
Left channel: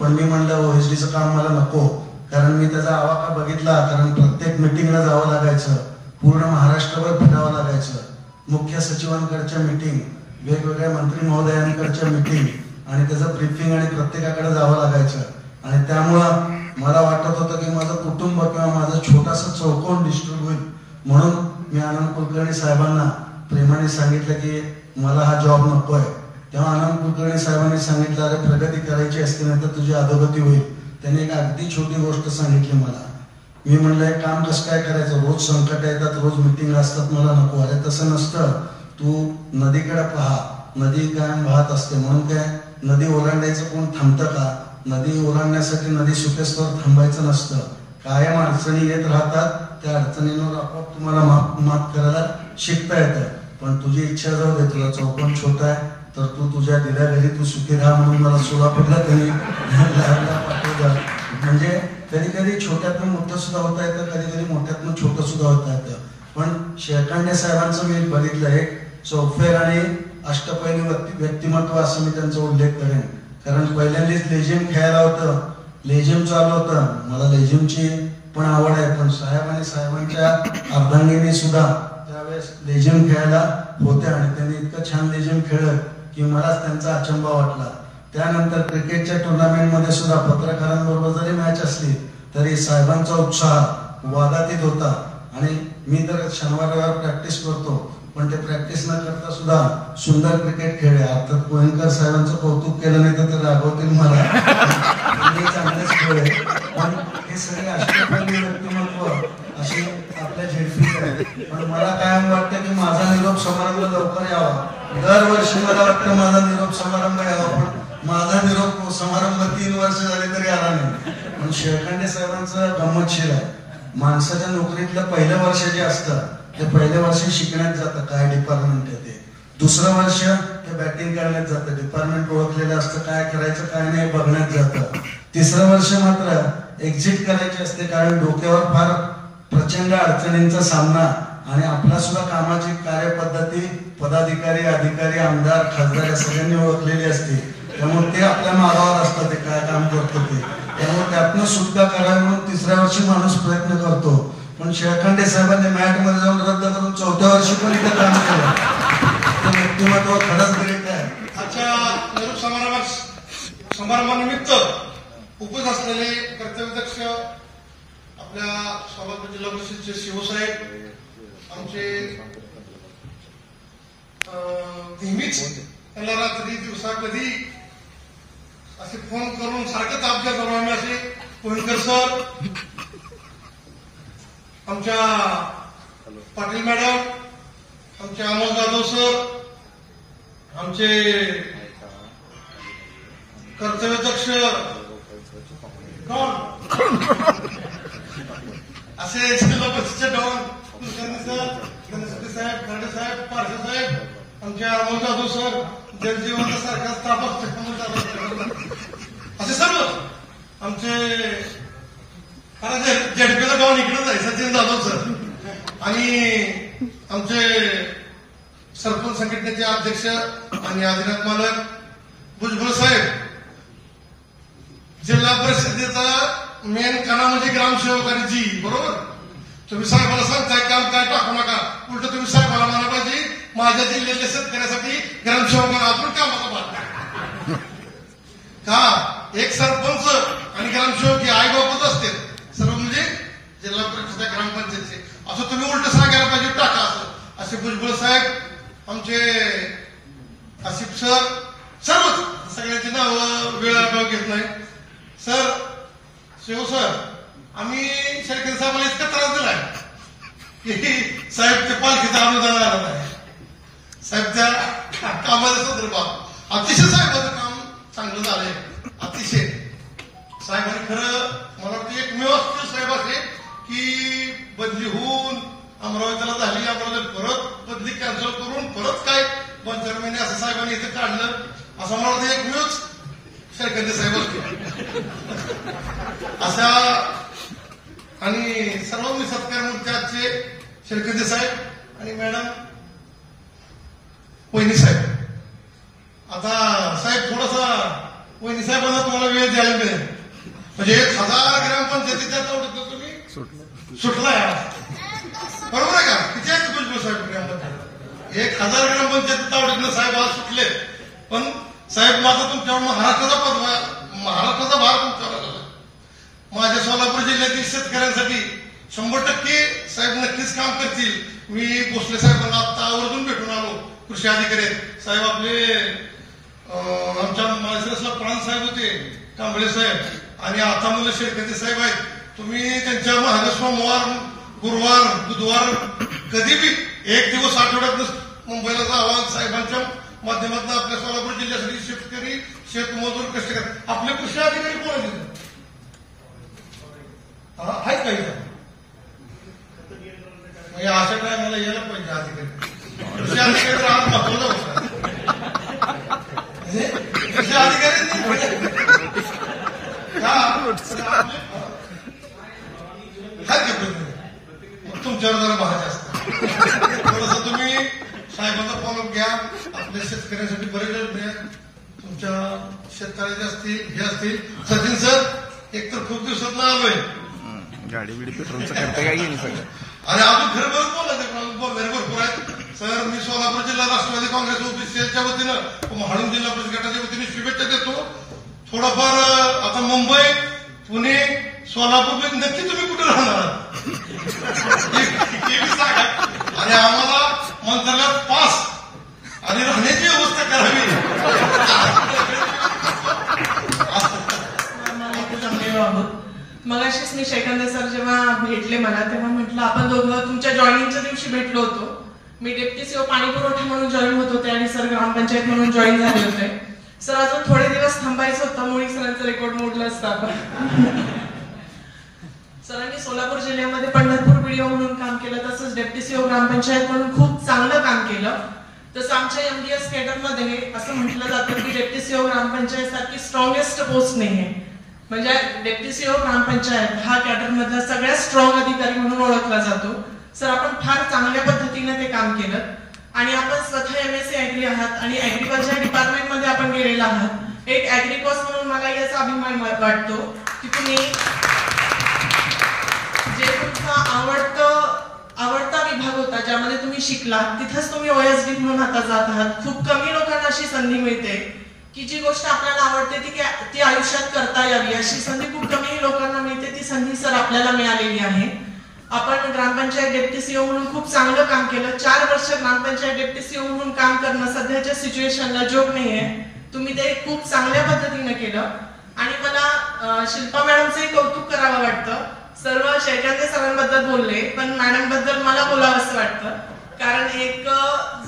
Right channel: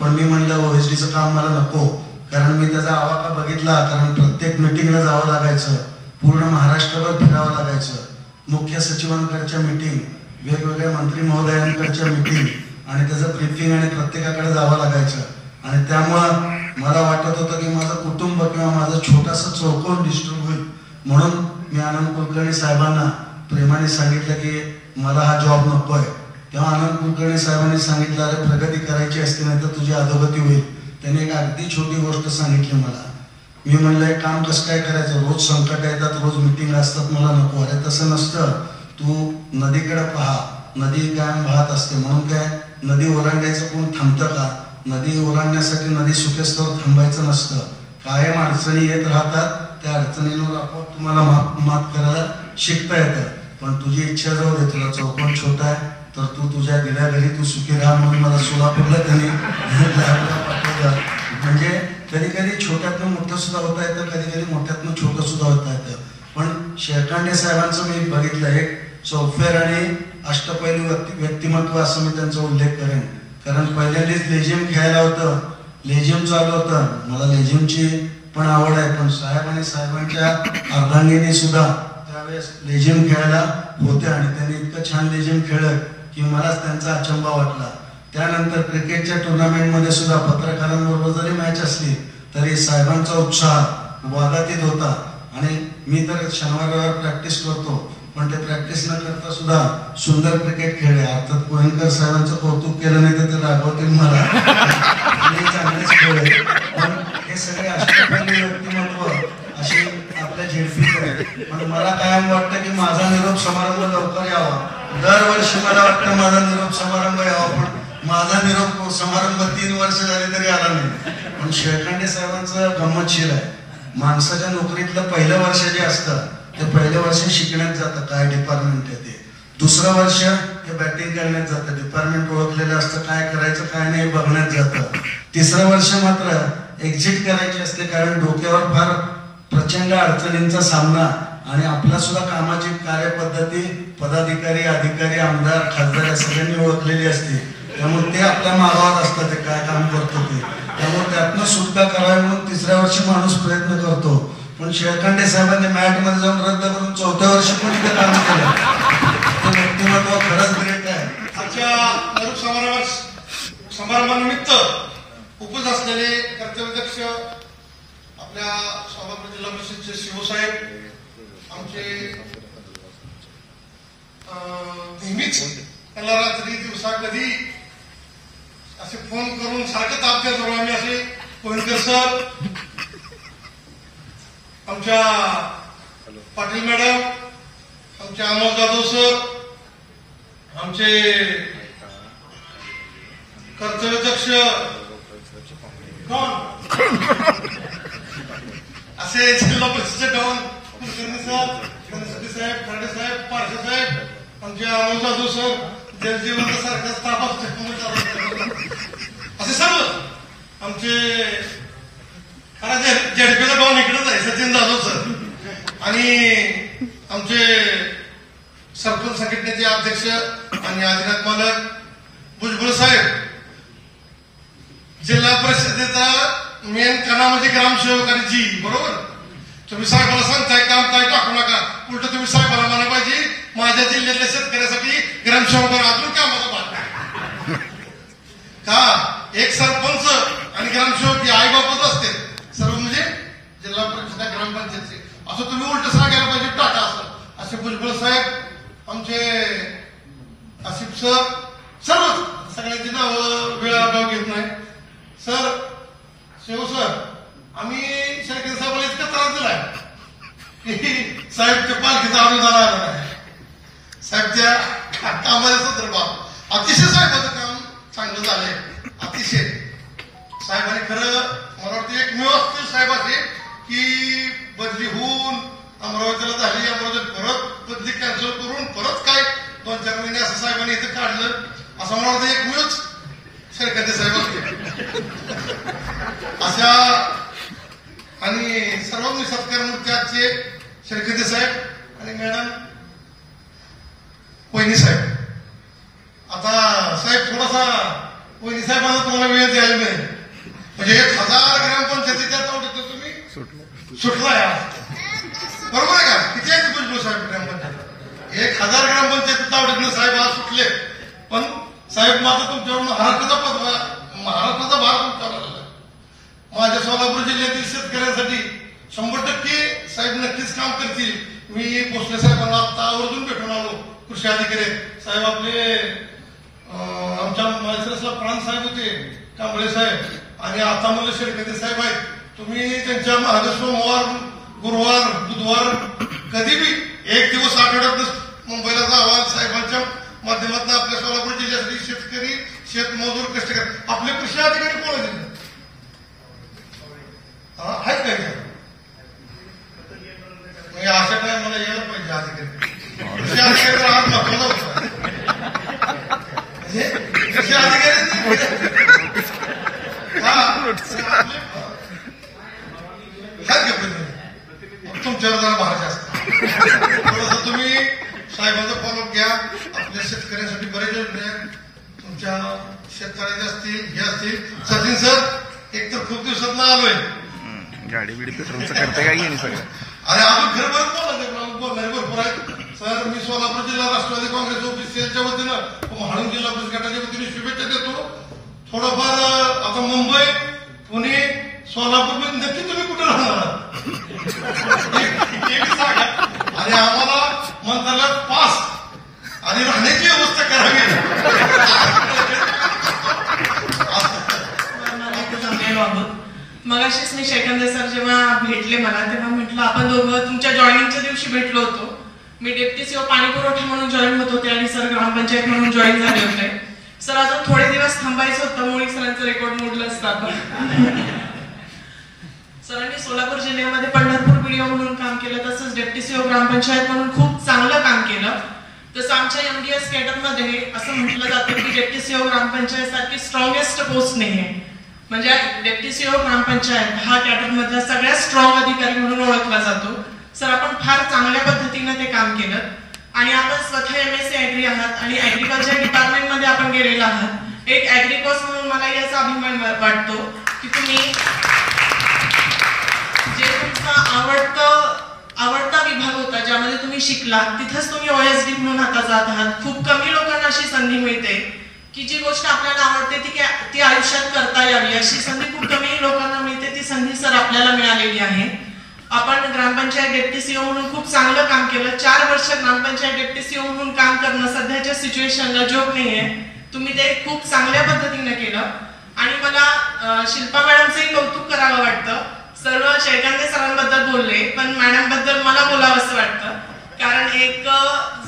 पण मी म्हणलं OSDचं काम मला नको, कारण मी त्याचा आवाका बघितला. कारण प्रत्येक मिटिंगला जावं लागायचं, पूर्ण महाराष्ट्रभर फिरावं लागायचं, मुख्य सचिवांकडच्या मिटिंग, वेगवेगळ्या मंत्री महोदयांकडच्या मिटिंग आणि त्याचं ब्रीफिंग आणि प्रत्येकाकडे जावं लागायचं. आणि त्यामुळं मला वाटत होतं की माझं कुटुंब किंवा माझं छोटासा चौकोन डिस्टर्ब होईल. म्हणून मी आनंद कुलकर्णी साहेबांना प्रेमाने सांगितलं की मला हा जॉब नकोय. तेव्हा आनंद कुलकर्णी साहेबांनी सांगितलं, अरे प्रगती करायची असते नाही तर तुझी अधोगती होईल. त्यांनी एक अगदी छोटी गोष्ट सांगितली मला. मी म्हणलं हे काम कसं काय करायचं, रोज संकट येतात, रोज मिटिंग असतात, मला नको. अरे तसं नसतं, तू नदीकडे पहा, नदी कायम वाहत असते. म्हणून काय नदी ओलांडायचं कोण थांबतं का? नदी ओलांडण्यासाठी नदी सुकेस्तवर थांबायचं नसतं. कायम अडचणी येत राहतात, त्या अडचणींवर आपोआप तुम्हाला मात करायला शिकता येतं. पण तुझी इच्छा जाऊ दे, तुला चौकोन छोटा आहे तर तू तुझ्या दिल्या घरी तू सुखी राहा म्हणून मला सोलापूरला त्यांनी लॅबला पाठवलं. म्हणजे कधी कधी छोट्यातनं मोठं सुद्धा होता येतं, कधी कधी मोठ्यातनं छोटं सुद्धा होता येतं. पण शेलकंडे साहेबांचं मी बघितलं एक चौफेर आणि अष्टपैलू व्यक्तिमत्व असं मी त्यांचा उल्लेख करेन. कारण पहिल्यांदाच लेझिम खेळायला होतं, लेझिम चालू होतं. मला लेझिमची पण आवड आहे, पण साहेब आणि साहेबांच्या अर्धांगिनी सुद्धा त्यावेळेस लेझिम खेळायला होत्या आणि त्यांनी इतकं छान लेझिम खेळलं की मलाच त्यांचा अचंबा वाटला. त्यानंतर क्रिकेटच्या टुर्नामेंटमध्ये सुद्धा पत्रकारांबरोबर जरी मॅच असली तरी साहेबांचा उत्साह वादातीत होता. आणि मी तर शनिवार रविवार प्रॅक्टिस करतो, पण ते प्रॅक्टिस न करता सुद्धा सुंदर क्रिकेट खेळले. अर्थात कोहेनकर साहेबांचं कौतुक केलं नाही तर ते रागवतील मला, चांगलेच खेळले. पण हे सगळे अष्टपैलू व्यक्तिमत्व अशी आपल्या झेडपी. पण मला कायम वाटतं की माझा निरोप समारंभ लवकर यावा. दरवर्षी मला वाटतं माझा निरोप समारंभ यावा, पण माझा निरोप समारंभ 3 वर्ष झाले तरी आला नाही. पण शेलकंडे साहेबांचं गंमतशीर आहे. माणसाच्या नोकरीतलं पहिलं वर्ष जे असतं ते पहिल्या वर्षी शिकण्यात जातं, काय डिपार्टमेंट आहे ते. दुसरं वर्ष हे बॅटिंग करण्यात जातं, डिपार्टमेंट ओळखलेलं असतं, काय करायचं काय नाही बघण्यात जातं. तिसरं वर्ष मात्र एक्झिट करायची असते, कारण डोक्यावर फार प्रचंड अडचणींचा सामना आणि आपला सुद्धा कामाची कार्यपद्धती पदाधिकारी, अधिकारी, आमदार, खासदार या सगळ्यांनी ओळखलेली असते. त्यामुळे ते आपल्या मागावर असतात, ते काय काम करतो ते. त्यामुळे त्यातनं सुटका करावी म्हणून तिसऱ्या वर्षी माणूस प्रयत्न करतो. पण शेलकंडे साहेबांनी मॅट मध्ये जाऊन रद्द करून 4थ्या वर्षी पण इथे काम केलं. ते व्यक्तिमत्व खरंच ग्रेट आहे. आजच्या निरोप समारंभानिमित्त उपस्थित असलेले कर्तव्यदक्ष आपल्या सोलापूर जिल्हा परिषदचे शिवसाहेब, आमचे नेहमीच त्यांना रात्री दिवसा कधी असे फोन करून सारखं तापच्या करू आम्ही असे कोणकर सर, आमच्या पाटील मॅडम, आमचे अमोल जाधव सर, आमचे कर्तव्यदक्ष आमचे अमोल जाधव सर, जलजीवनासारखा स्टाफ असतो, असे सर्व आमचे झेडपीला गाऊन इकडेच आहे सचिन जाधव सर, आणि आमचे सरपंच संघटनेचे अध्यक्ष आणि आदिनाथ मालक भुजबळ साहेब, जिल्हा परिषदेचा मेन कणा म्हणजे ग्रामसेवक आणि जी, बरोबर. तुम्ही साहेबाला सांगताय काम काय टाकू नका, उलट तुम्ही साहेबाला म्हणा पाहिजे माझ्या जिल्ह्यातल्या शेतकऱ्यासाठी ग्रामसेवकाला अजून कामाचा भाग आहे का. एक सरपंच आणि ग्रामसेवक हे आई बापच असते सर्व, म्हणजे जिल्हा परिषद ग्रामपंचायतचे, असं तुम्ही उलट सांगायला पाहिजे टाका असं. असे भुजबळ साहेब, आमचे आसिफ सर, सर्व सगळ्याची नावं वेळा गाव घेत नाही. सर शिव सर, आम्ही शेळके साहेबांना इतका त्रास दिलाय की साहेबच्या पालखीचा अनुदान आला नाही. साहेबच्या कामाच्या संदर्भात अतिशय साहेबांचं काम चांगलं झालंय, अतिशय. साहेबांनी खरं मला वाटतं एकमेव असतील साहेब असे की बदली होऊन अमरावतीला झाली, अमरावती परत बदली कॅन्सल करून परत काय 2-4 महिने असं साहेबांनी इथं काढलं, असं मला वाटतं एकमेवच शेळके साहेब असते अशा. आणि सर्वांनी सत्कार मोर्चाचे शेळके साहेब आणि मॅडम वहिनी साहेब. आता साहेब थोडासा वहिनी साहेबांना तुम्हाला वेळ द्यायला मिळेल, म्हणजे 1000 ग्रामपंचायतीच्या तोट्यात तुम्ही सुटलाय, बरोबर आहे का. किती आहे भुजबळ साहेब ग्रामपंचायत? 1000 ग्रामपंचायती तावडीतून साहेब आज सुटले, पण साहेब माझा तुमच्यावर महाराष्ट्राचा भार तुमच्यावर झाला. माझ्या सोलापूर जिल्ह्यातील शेतकऱ्यांसाठी 100% साहेब नक्कीच काम करतील. मी भोसले साहेबांना आता आवर्जून भेटून आलो, कृषी अधिकारी आहेत साहेब. आपले आमच्या माळशिरसला प्राण साहेब होते, कांबळे साहेब, आणि आता मला शेळके साहेब आहेत. तुम्ही त्यांच्या मागे सोमवार, गुरुवार, बुधवार कधी बी एक दिवस आठवड्यात मुंबईला जावा. साहेबांच्या माध्यमातून आपल्या सोलापूर जिल्ह्यासाठी शेतकरी, शेतमजूर, कष्टकरी, आपले कृषी अधिकारी कोण आहेत आहेत काही अशा टाइम मला यायला पाहिजे अधिकारी. कृषी अधिकारी आज महत्वाचा होता, कृषी अधिकारी तुमच्यावर जरा महाराज असतात. थोडस तुम्ही साहेबांचा फॉलोअप घ्या. आपल्या शेतकऱ्यांसाठी बरेच योजना तुमच्या शेतकऱ्याचे असतील, हे असतील. सचिन सर एक तर खूप दिवसात आलोय, गाडी बिडी पेट्रोलचं करते काय नाही सगळं, आणि अजून खरं बोलणारे भरपूर आहेत. सर मी सोलापूर जिल्हा राष्ट्रवादी काँग्रेस ओबीसीएलच्या वतीनं, हाडून जिल्हा परिषद गटाच्या वतीने शुभेच्छा देतो. थोडंफार आता मुंबई, पुणे, सोलापूर नक्की तुम्ही कुठे राहणार सांगा, आणि आम्हाला मंत्रालयात पास आणि राहण्याची व्यवस्था करावी. मगाशीच मी शेखंदे सर जेव्हा भेटले मला, तेव्हा म्हटलं आपण दोघं तुमच्या जॉईनिंगच्या दिवशी भेटलो होतो. मी डेप्टी सीओ पाणी पुरवठा म्हणून जॉईन होत होते आणि सर ग्रामपंचायत म्हणून जॉईन झाले होते. सर अजून थोडे दिवस थांबायचं होतं, मोळी सरांचं रेकॉर्ड मोडलं असतं आपण. सरांनी सोलापूर जिल्ह्यामध्ये पंढरपूर व्हिडिओ म्हणून काम केलं, तसंच डेप्टी सीओ ग्रामपंचायत म्हणून खूप चांगलं काम केलं. तसं आमच्या एमडीएस कॅडरमध्ये असं म्हटलं जातं की डेप्टी सीओ ग्रामपंचायत सारखी स्ट्रॉंगेस्ट पोस्ट नाहीये, म्हणजे डेप्टी सीओ ग्रामपंचायत हा कॅडरमधला सगळ्यात स्ट्रॉंग अधिकारी म्हणून ओळखला जातो. सर आपण फार चांगल्या पद्धतीने ते काम केलं, आणि आपण स्वतः एमएससी ऍग्री आहात आणि ऍग्रिकल्चर डिपार्टमेंटमध्ये आपण गेलेला आहात. एक ऍग्रिकॉस म्हणून मला याचा अभिमान वाटतो की तुम्ही जे तुमचा आवडता विभाग होता, ज्यामध्ये तुम्ही शिकला, तिथेच तुम्ही ओएसडी म्हणून आता जात आहात. खूप कमी लोकांना अशी संधी मिळते की जी गोष्ट आपल्याला आवडते ती आयुष्यात करता यावी, अशी संधी खूप कमी लोकांना मिळते. ती संधी सर आपल्याला मिळालेली आहे. आपण ग्रामपंचायत डेप्टी सीओ म्हणून खूप चांगलं काम केलं. 4 वर्ष ग्रामपंचायत डेप्टी सीओ म्हणून काम करणं सध्याच्या सिच्युएशनला जोक नाहीये. तुम्ही ते खूप चांगल्या पद्धतीने केलं, आणि मला शिल्पा मॅडमचंही कौतुक करावं वाटतं. सर्व शेळके सरांबद्दल बोलले, पण मॅडम बद्दल मला बोलावं असं वाटतं, कारण एक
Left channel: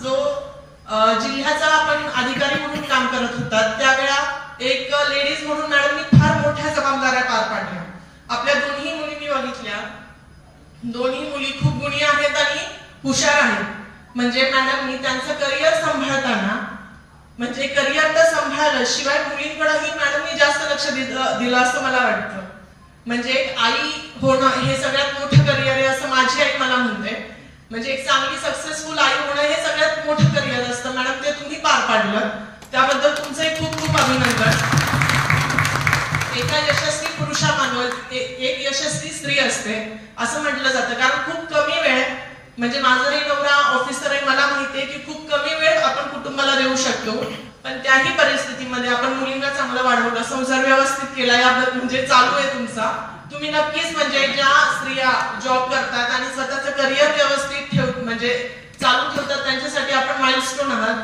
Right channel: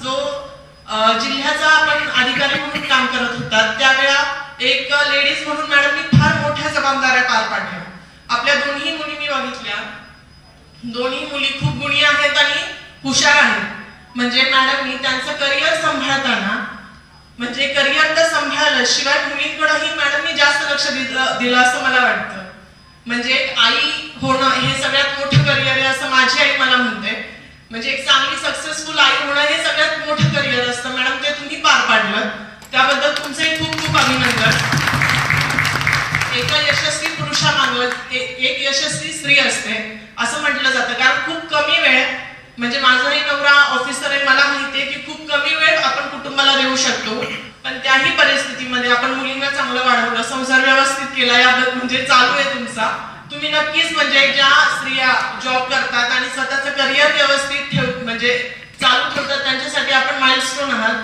जो जिल्ह्याचा आपण अधिकारी म्हणून काम करत होता, त्यावेळा एक लेडीज म्हणून मॅडमनी फार मोठ्या जबाबदाऱ्या पार पाडल्या. आपल्या दोन्ही मुली मी बघितल्या, दोन्ही मुली खूप गुणी आहेत आणि हुशार आहेत. म्हणजे मॅडमनी त्यांचं करिअर सांभाळताना म्हणजे करिअर तर सांभाळलं शिवाय मुलींकडेही मॅडमनी जास्त लक्ष दिलं असं मला वाटतं. म्हणजे आई होणं हे सगळ्यात मोठं करिअर आहे असं माझी आई मला म्हणते. म्हणजे एक चांगली सक्सेसफुल आई होणं हे सगळ्यात मोठं करिअर असतं. मॅडम ते तुम्ही पार पाडलं त्याबद्दल तुमचे खूप खूप अभिनंदन. एका यशस्वी पुरुषामागं एक यशस्वी स्त्री असते असं म्हटलं जातं. कारण खूप कमी वेळ म्हणजे माझाही नवरा ऑफिसर आहे मला माहितीये की खूप कमी वेळ आपण कुटुंबाला देऊ शकतो. पण त्याही परिस्थितीमध्ये आपण मुलींना चांगलं वाढवलं संसार व्यवस्थित केला याबद्दल म्हणजे चालू आहे तुमचा. तुम्ही नक्कीच म्हणजे ज्या स्त्रिया जॉब करतात आणि स्वतःचं करिअर व्यवस्थित म्हणजे चालू ठेवतात त्यांच्यासाठी आपण माइलस्टोन आहात.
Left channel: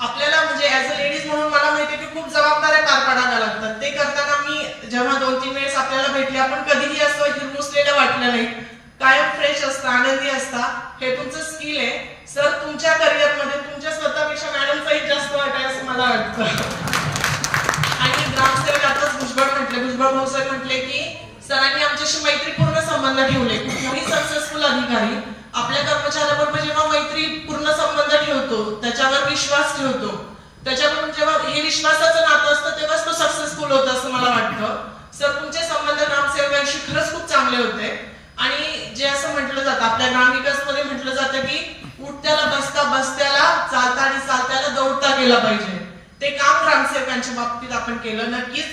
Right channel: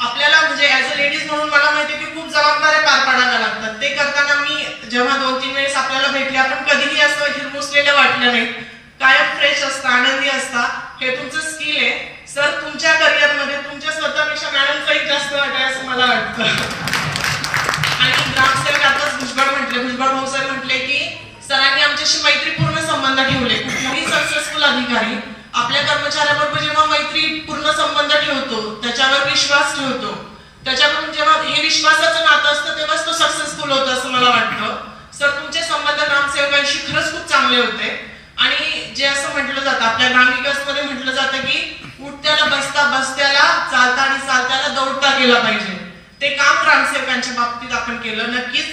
आपल्याला म्हणजे ऍज अ लेडीज म्हणून मला माहितीये की खूप जबाबदाऱ्या पार पाडाव्या लागतात. ते करताना मी जेव्हा 2-3 वेळेस आपल्याला भेटले आपण कधीही असं हिरमुसलेलं वाटलं नाही. कायम फ्रेश असता आनंदी असता हे तुमचं स्किल आहे. सर तुमच्या करिअरमध्ये तुमच्या स्वतःपेक्षा मॅडमचाही जास्त वाट आहे असं मला वाटतं. आणि ग्रामसेवक आताच भुजबळ भाऊ सर म्हटले की सरांनी आमच्याशी मैत्रीपूर्ण संबंध ठेवले. कुठलाही सक्सेसफुल अधिकारी आपल्या कर्मचाऱ्याबरोबर जेव्हा मैत्रीपूर्ण संबंध ठेवतो त्याच्यावर विश्वास ठेवतो त्याच्याकडून जेव्हा हे विश्वासाचं नातं असतं तेव्हाच तो सक्सेसफुल होतो असं मला वाटतं. सर तुमचे संबंध ग्रामसेवकांशी खरंच खूप चांगले होते. आणि जे असं म्हटलं जातं आपल्या ग्रामविकास मध्ये म्हटलं जातं की उठत्याला बसता बसत्याला चालता आणि चालत्याला दौडता केला पाहिजे. ते काम ग्रामसेवकांच्या बाबतीत आपण केलं. नक्कीच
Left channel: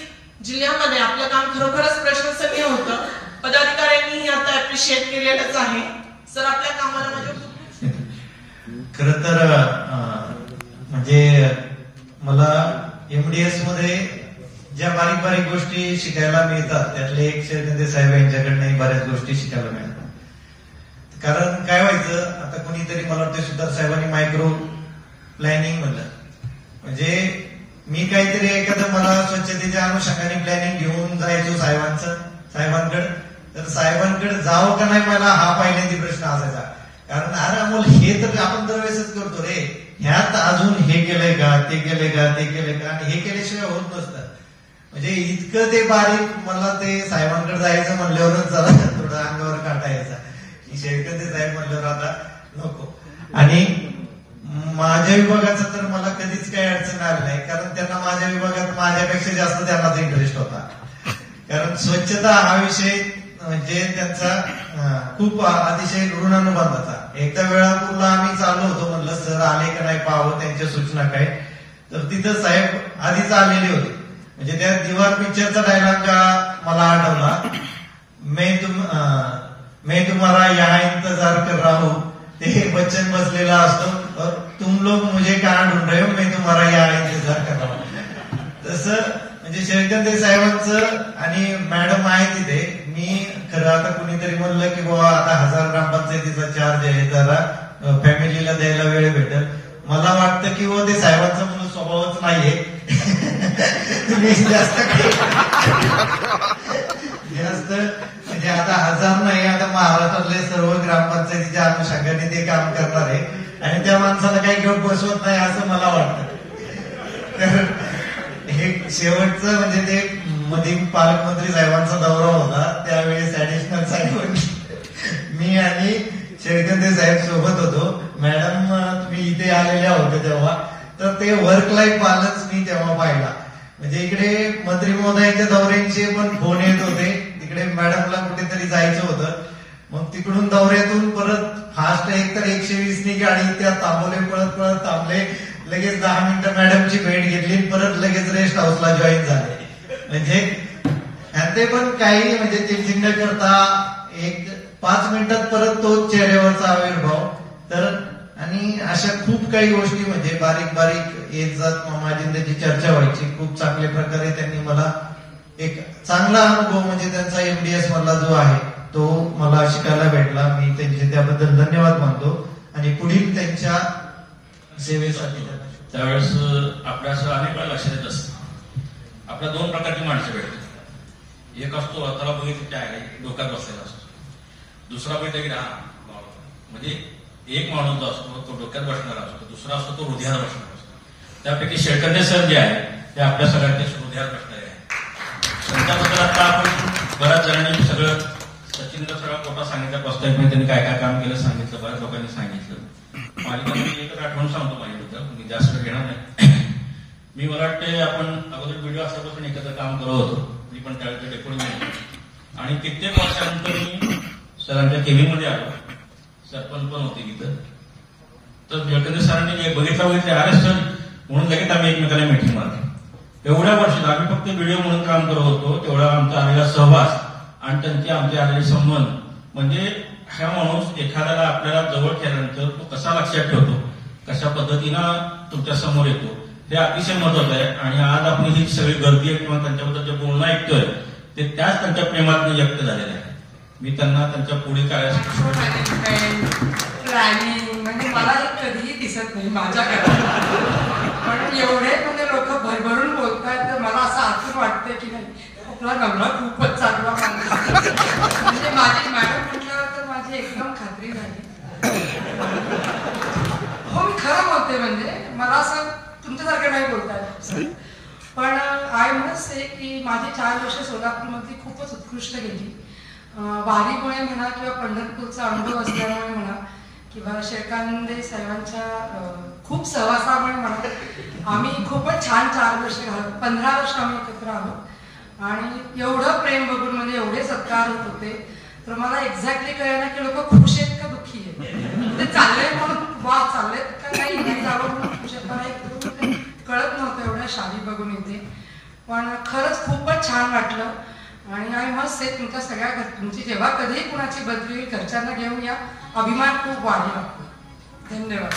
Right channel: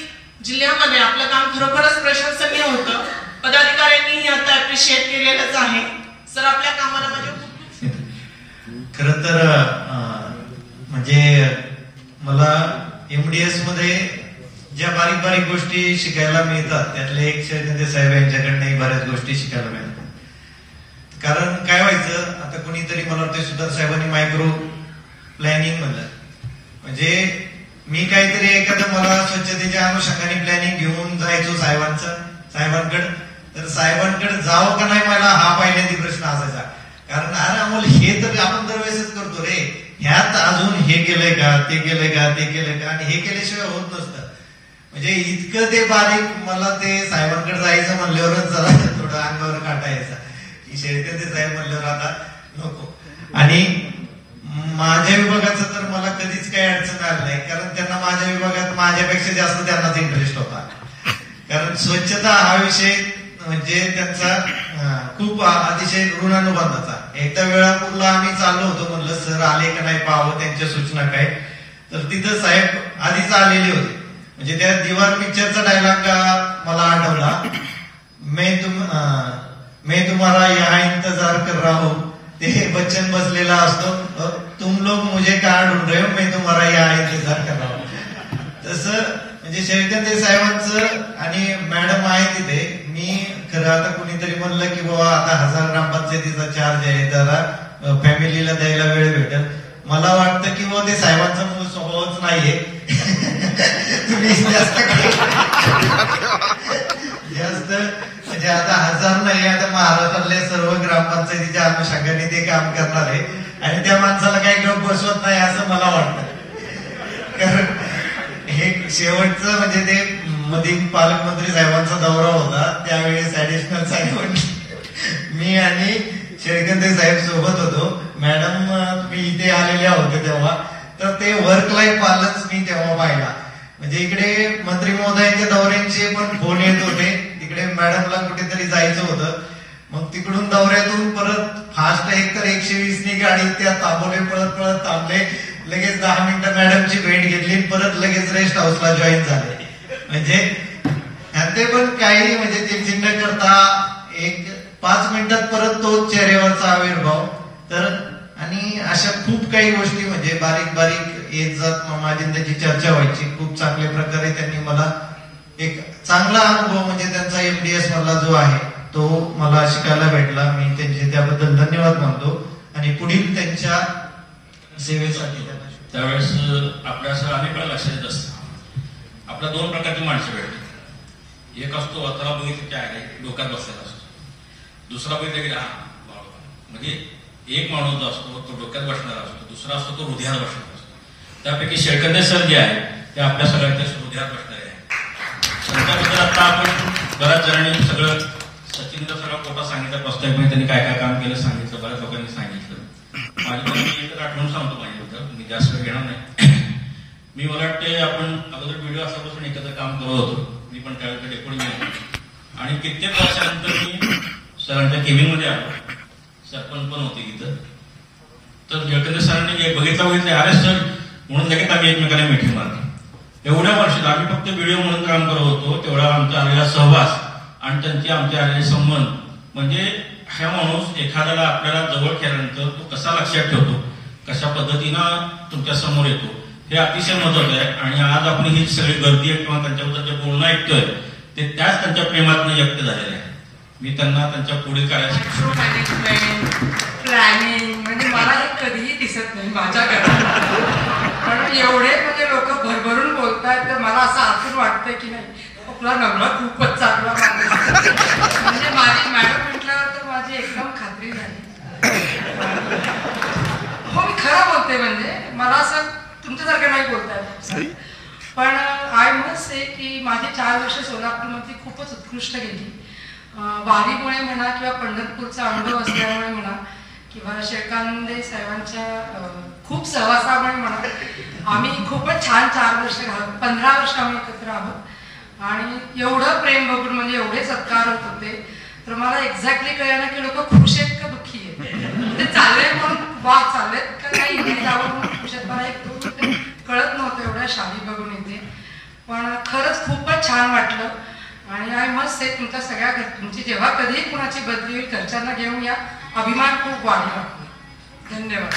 जिल्ह्यामध्ये आपलं काम खरोखरच प्रशंसनीय होतं. पदाधिकाऱ्यांनीही आता अप्रिशिएट केलेलंच आहे. सर आपल्या कामाला म्हणजे खरं तर म्हणजे मला MDS मध्ये ज्या बारीक बारीक गोष्टी शिकायला मिळतात त्यातले एक शेळके साहेब यांच्याकडनं बऱ्याच गोष्टी शिकायला मिळतात. कारण काय व्हायचं आता कोणीतरी मला वाटतं सुद्धा साहेबांनी मायक्रो प्लॅनिंग म्हणलं म्हणजे मी काहीतरी एखादं मला स्वच्छतेच्या अनुषंगाने प्लॅनिंग घेऊन जायचो साहेबांकडे तर साहेबांकडे जावं का नाही मला हा पहिल्यांदा प्रश्न असायचा. कारण अरे अमोल हे तर आपण दरवेळेसच करतो रे ह्यात अजून हे केलंय का ते केलंय का ते केलंय का आणि हे केल्याशिवाय होत नसतं. म्हणजे इतकं ते बारीक मला ते साहेबांकडे जायचं म्हणल्यावरच जरा थोडं अंगावर काटा यायचा की शेळके ते साहेब म्हणल्यावर आता नको. आणि माझ्या विभागाचं तर मला कधीच काही अडचण आली नाही कारण त्यांना माझ्या विभागात माझ्यापेक्षा जास्त त्यांनाच इंटरेस्ट होता. कारण स्वच्छता हा विषय म्हणजे त्यांचा खूप अतिशय ऋणानुबंधाचा. एकदा वेळापूरला आम्ही चाललो होतो म्हणलं सर आले का नाही पाहावं त्यांच्या सूचना काय तर तिथं साहेब आधीच आलेले होते. म्हणजे त्या दीवार पिक्चरचा डायलॉग मला आठवला मैं तुम्हारा यहाँ इंतजार कर रहा हूं. ते बच्चन बसलेला असतो तुम लोग मुझे कहाँ ढूंढ रहे हो मैं तुम्हारा यहाँ इंतजार कर रहा हूं. तसं म्हणजे शेळके साहेबांचं आणि मॅडम आहे तिथे. मी खरं आता कुणीतरी म्हणलं की बाबा आता 1000 ग्रामपंचायतीचा चार्ज आहे जरा फॅमिलीला द्यायला वेळ भेटेल. मला वाटतं की वो ते साहेबांचा म्हणून स्वभावच नाहीये. तुम्ही जास्त म्हणजे आता 1000 नाही आता महाराष्ट्रातले सर्व ग्रामपंचायतीच्या अनुषंगाने ते काम करणार आहे आणि त्या माणसाला काही घेऊन बसवत नाही असं मला वाटतं. कारण हे शेवटचं म्हणजे ते मध्ये पालकमंत्री साहेबांचा दौरा होता त्यावेळेस ऍडिशनल साहेब मी आणि शेळके साहेब सोबत होतो. मॅडम मी इथे आलेल्या होते तेव्हा तर ते वर्क लाईफ बॅलन्स मी तेव्हा पाहिला. म्हणजे इकडे मंत्री महोदयांच्या दौऱ्यांचे पण फोन येत होते तिकडे मॅडमला कुठेतरी जायचं होतं. मग तिकडून दौऱ्यातून परत फास्ट एक तर 120 नी गाडी त्या थांबवले पळत थांबले लगेच 10 मिनिटं मॅडमची भेट घेतली परत लगेच रेस्ट हाऊसला जॉईन झाले. म्हणजे ते पण काही म्हणजे टिफिन न करता एक 5 मिनिटात परत तो चेहऱ्यावरचा आविर्भाव. तर आणि अशा खूप काही गोष्टी म्हणजे बारीक बारीक येत जात माझी त्याची चर्चा व्हायची. खूप चांगल्या प्रकारे त्यांनी मला एक चांगला अनुभव म्हणजे त्यांचा MDS मधला जो आहे तो मला शिकायला भेटला. मी त्यांचे त्याबद्दल धन्यवाद मानतो आणि पुढील त्यांच्या सेवेसाठी त्यावेळेस आपल्यासह अनेक वेळा लक्षात येत असतं आपल्या 2 प्रकारची माणसं भेटतात. एक असतो आता बघितलं काय आहे डोक्यात बसलेला असतो. दुसरा बघितलं की म्हणजे एक माणूस जो असतो तो डोक्यात बसणारा असतो दुसरा असतो तो हृदयात बसणारा असतो. त्यापैकी शेळके सर जे आहे ते आपल्या सगळ्यांच्या हृदयात बसणारे आहे. त्याबद्दल आता आपण बऱ्याच जणांनी सगळं सचिनचा सगळा फोटा सांगितला प्रस्तावित त्यांनी काय काय काम केलं सांगितलं बऱ्याच लोकांनी सांगितलं. मी जास्त वेळ घेणार नाही. मी मला वाटते आपण अगोदर व्हिडिओ असल्यापासून एकत्र काम करत होतो. मी पण त्यावेळेला डेप्युटी मॅनेजर आणि कित्येक वर्षानंतर मी सरांच्या केबिनमध्ये आलो. सरपंच पण होते इथं. तर जयकंद सरांनी बघितलं अरे सर म्हणून लगेच आम्ही एकमेकाला मिटिंग मारली. एवढ्या वर्षात आम्ही फक्त व्हिडिओ म्हणून काम करत होतो, तेवढा आमचा आलेला सहवास आणि त्यांचे आमचे आलेले संबंध, म्हणजे हा माणूस एखाद्याला आपल्याला जवळ केल्यानंतर तो कसा लक्षात ठेवतो, कशा पद्धतीनं तुमच्या समोर येतो, हे अतिशय महत्वाचं आहे. आणि आज आपण ही सगळी गर्दी आहे किंवा त्यांच्याबद्दल जे बोलणं ऐकतोय ते त्याच त्यांच्या प्रेमातून व्यक्त झालेलं आहे. मी त्यांना त्यांच्या पुढील कार्यासाठी प्लॅनिंग म्हणजे मला हे कधीही दिसत नाही माझ्या घरात. पण एवढे म्हणजे लोक भरभरून बोलतात तर मला असं आतून वाटतंय की नाही आपला नवरा खूपच चांगला माणूस. म्हणजे माझी मॅडम म्हटल्यावर तर माझी एकदम खात्री झाली. हो मी खरं बोलते, म्हणजे मला असं तुमच्यासारखं नाही बोलताय. पण आय मस्ट से की माझी 4 वर्ष सोलापूरमध्ये खूपच उत्कृष्ट गेली. वारीमुळे म्हणा किंवा पंढरपूरचा अनुभव असल्यामुळे म्हणा किंवा शेळकांदे साहेबांच्या खूप सहवासामुळे म्हणा आम्ही खूपच छान 4 वर्ष 15 वर्ष आम्ही एकत्र आहोत. आणि एवढं प्रेम बघून म्हणजे एवढे सत्कार होत होते तर मला एक्झॅक्टली कळलं की लोक खुश आहेत का दुःखी आहेत. ते चालले म्हणून वा चाललेत का नाही जावं म्हणून खुश आहेत. मला एक कळत नव्हतं एवढ्या शाली बघून येते. पण खरंच खूपच छान वाटलं. आणि आय मस्ट से तुमच्या सगळ्या तुमची जेव्हा कधीही कुणाची बदली होईल घरच्यांना घेऊन या, अभिमान खूप वाढला. धन्यवाद.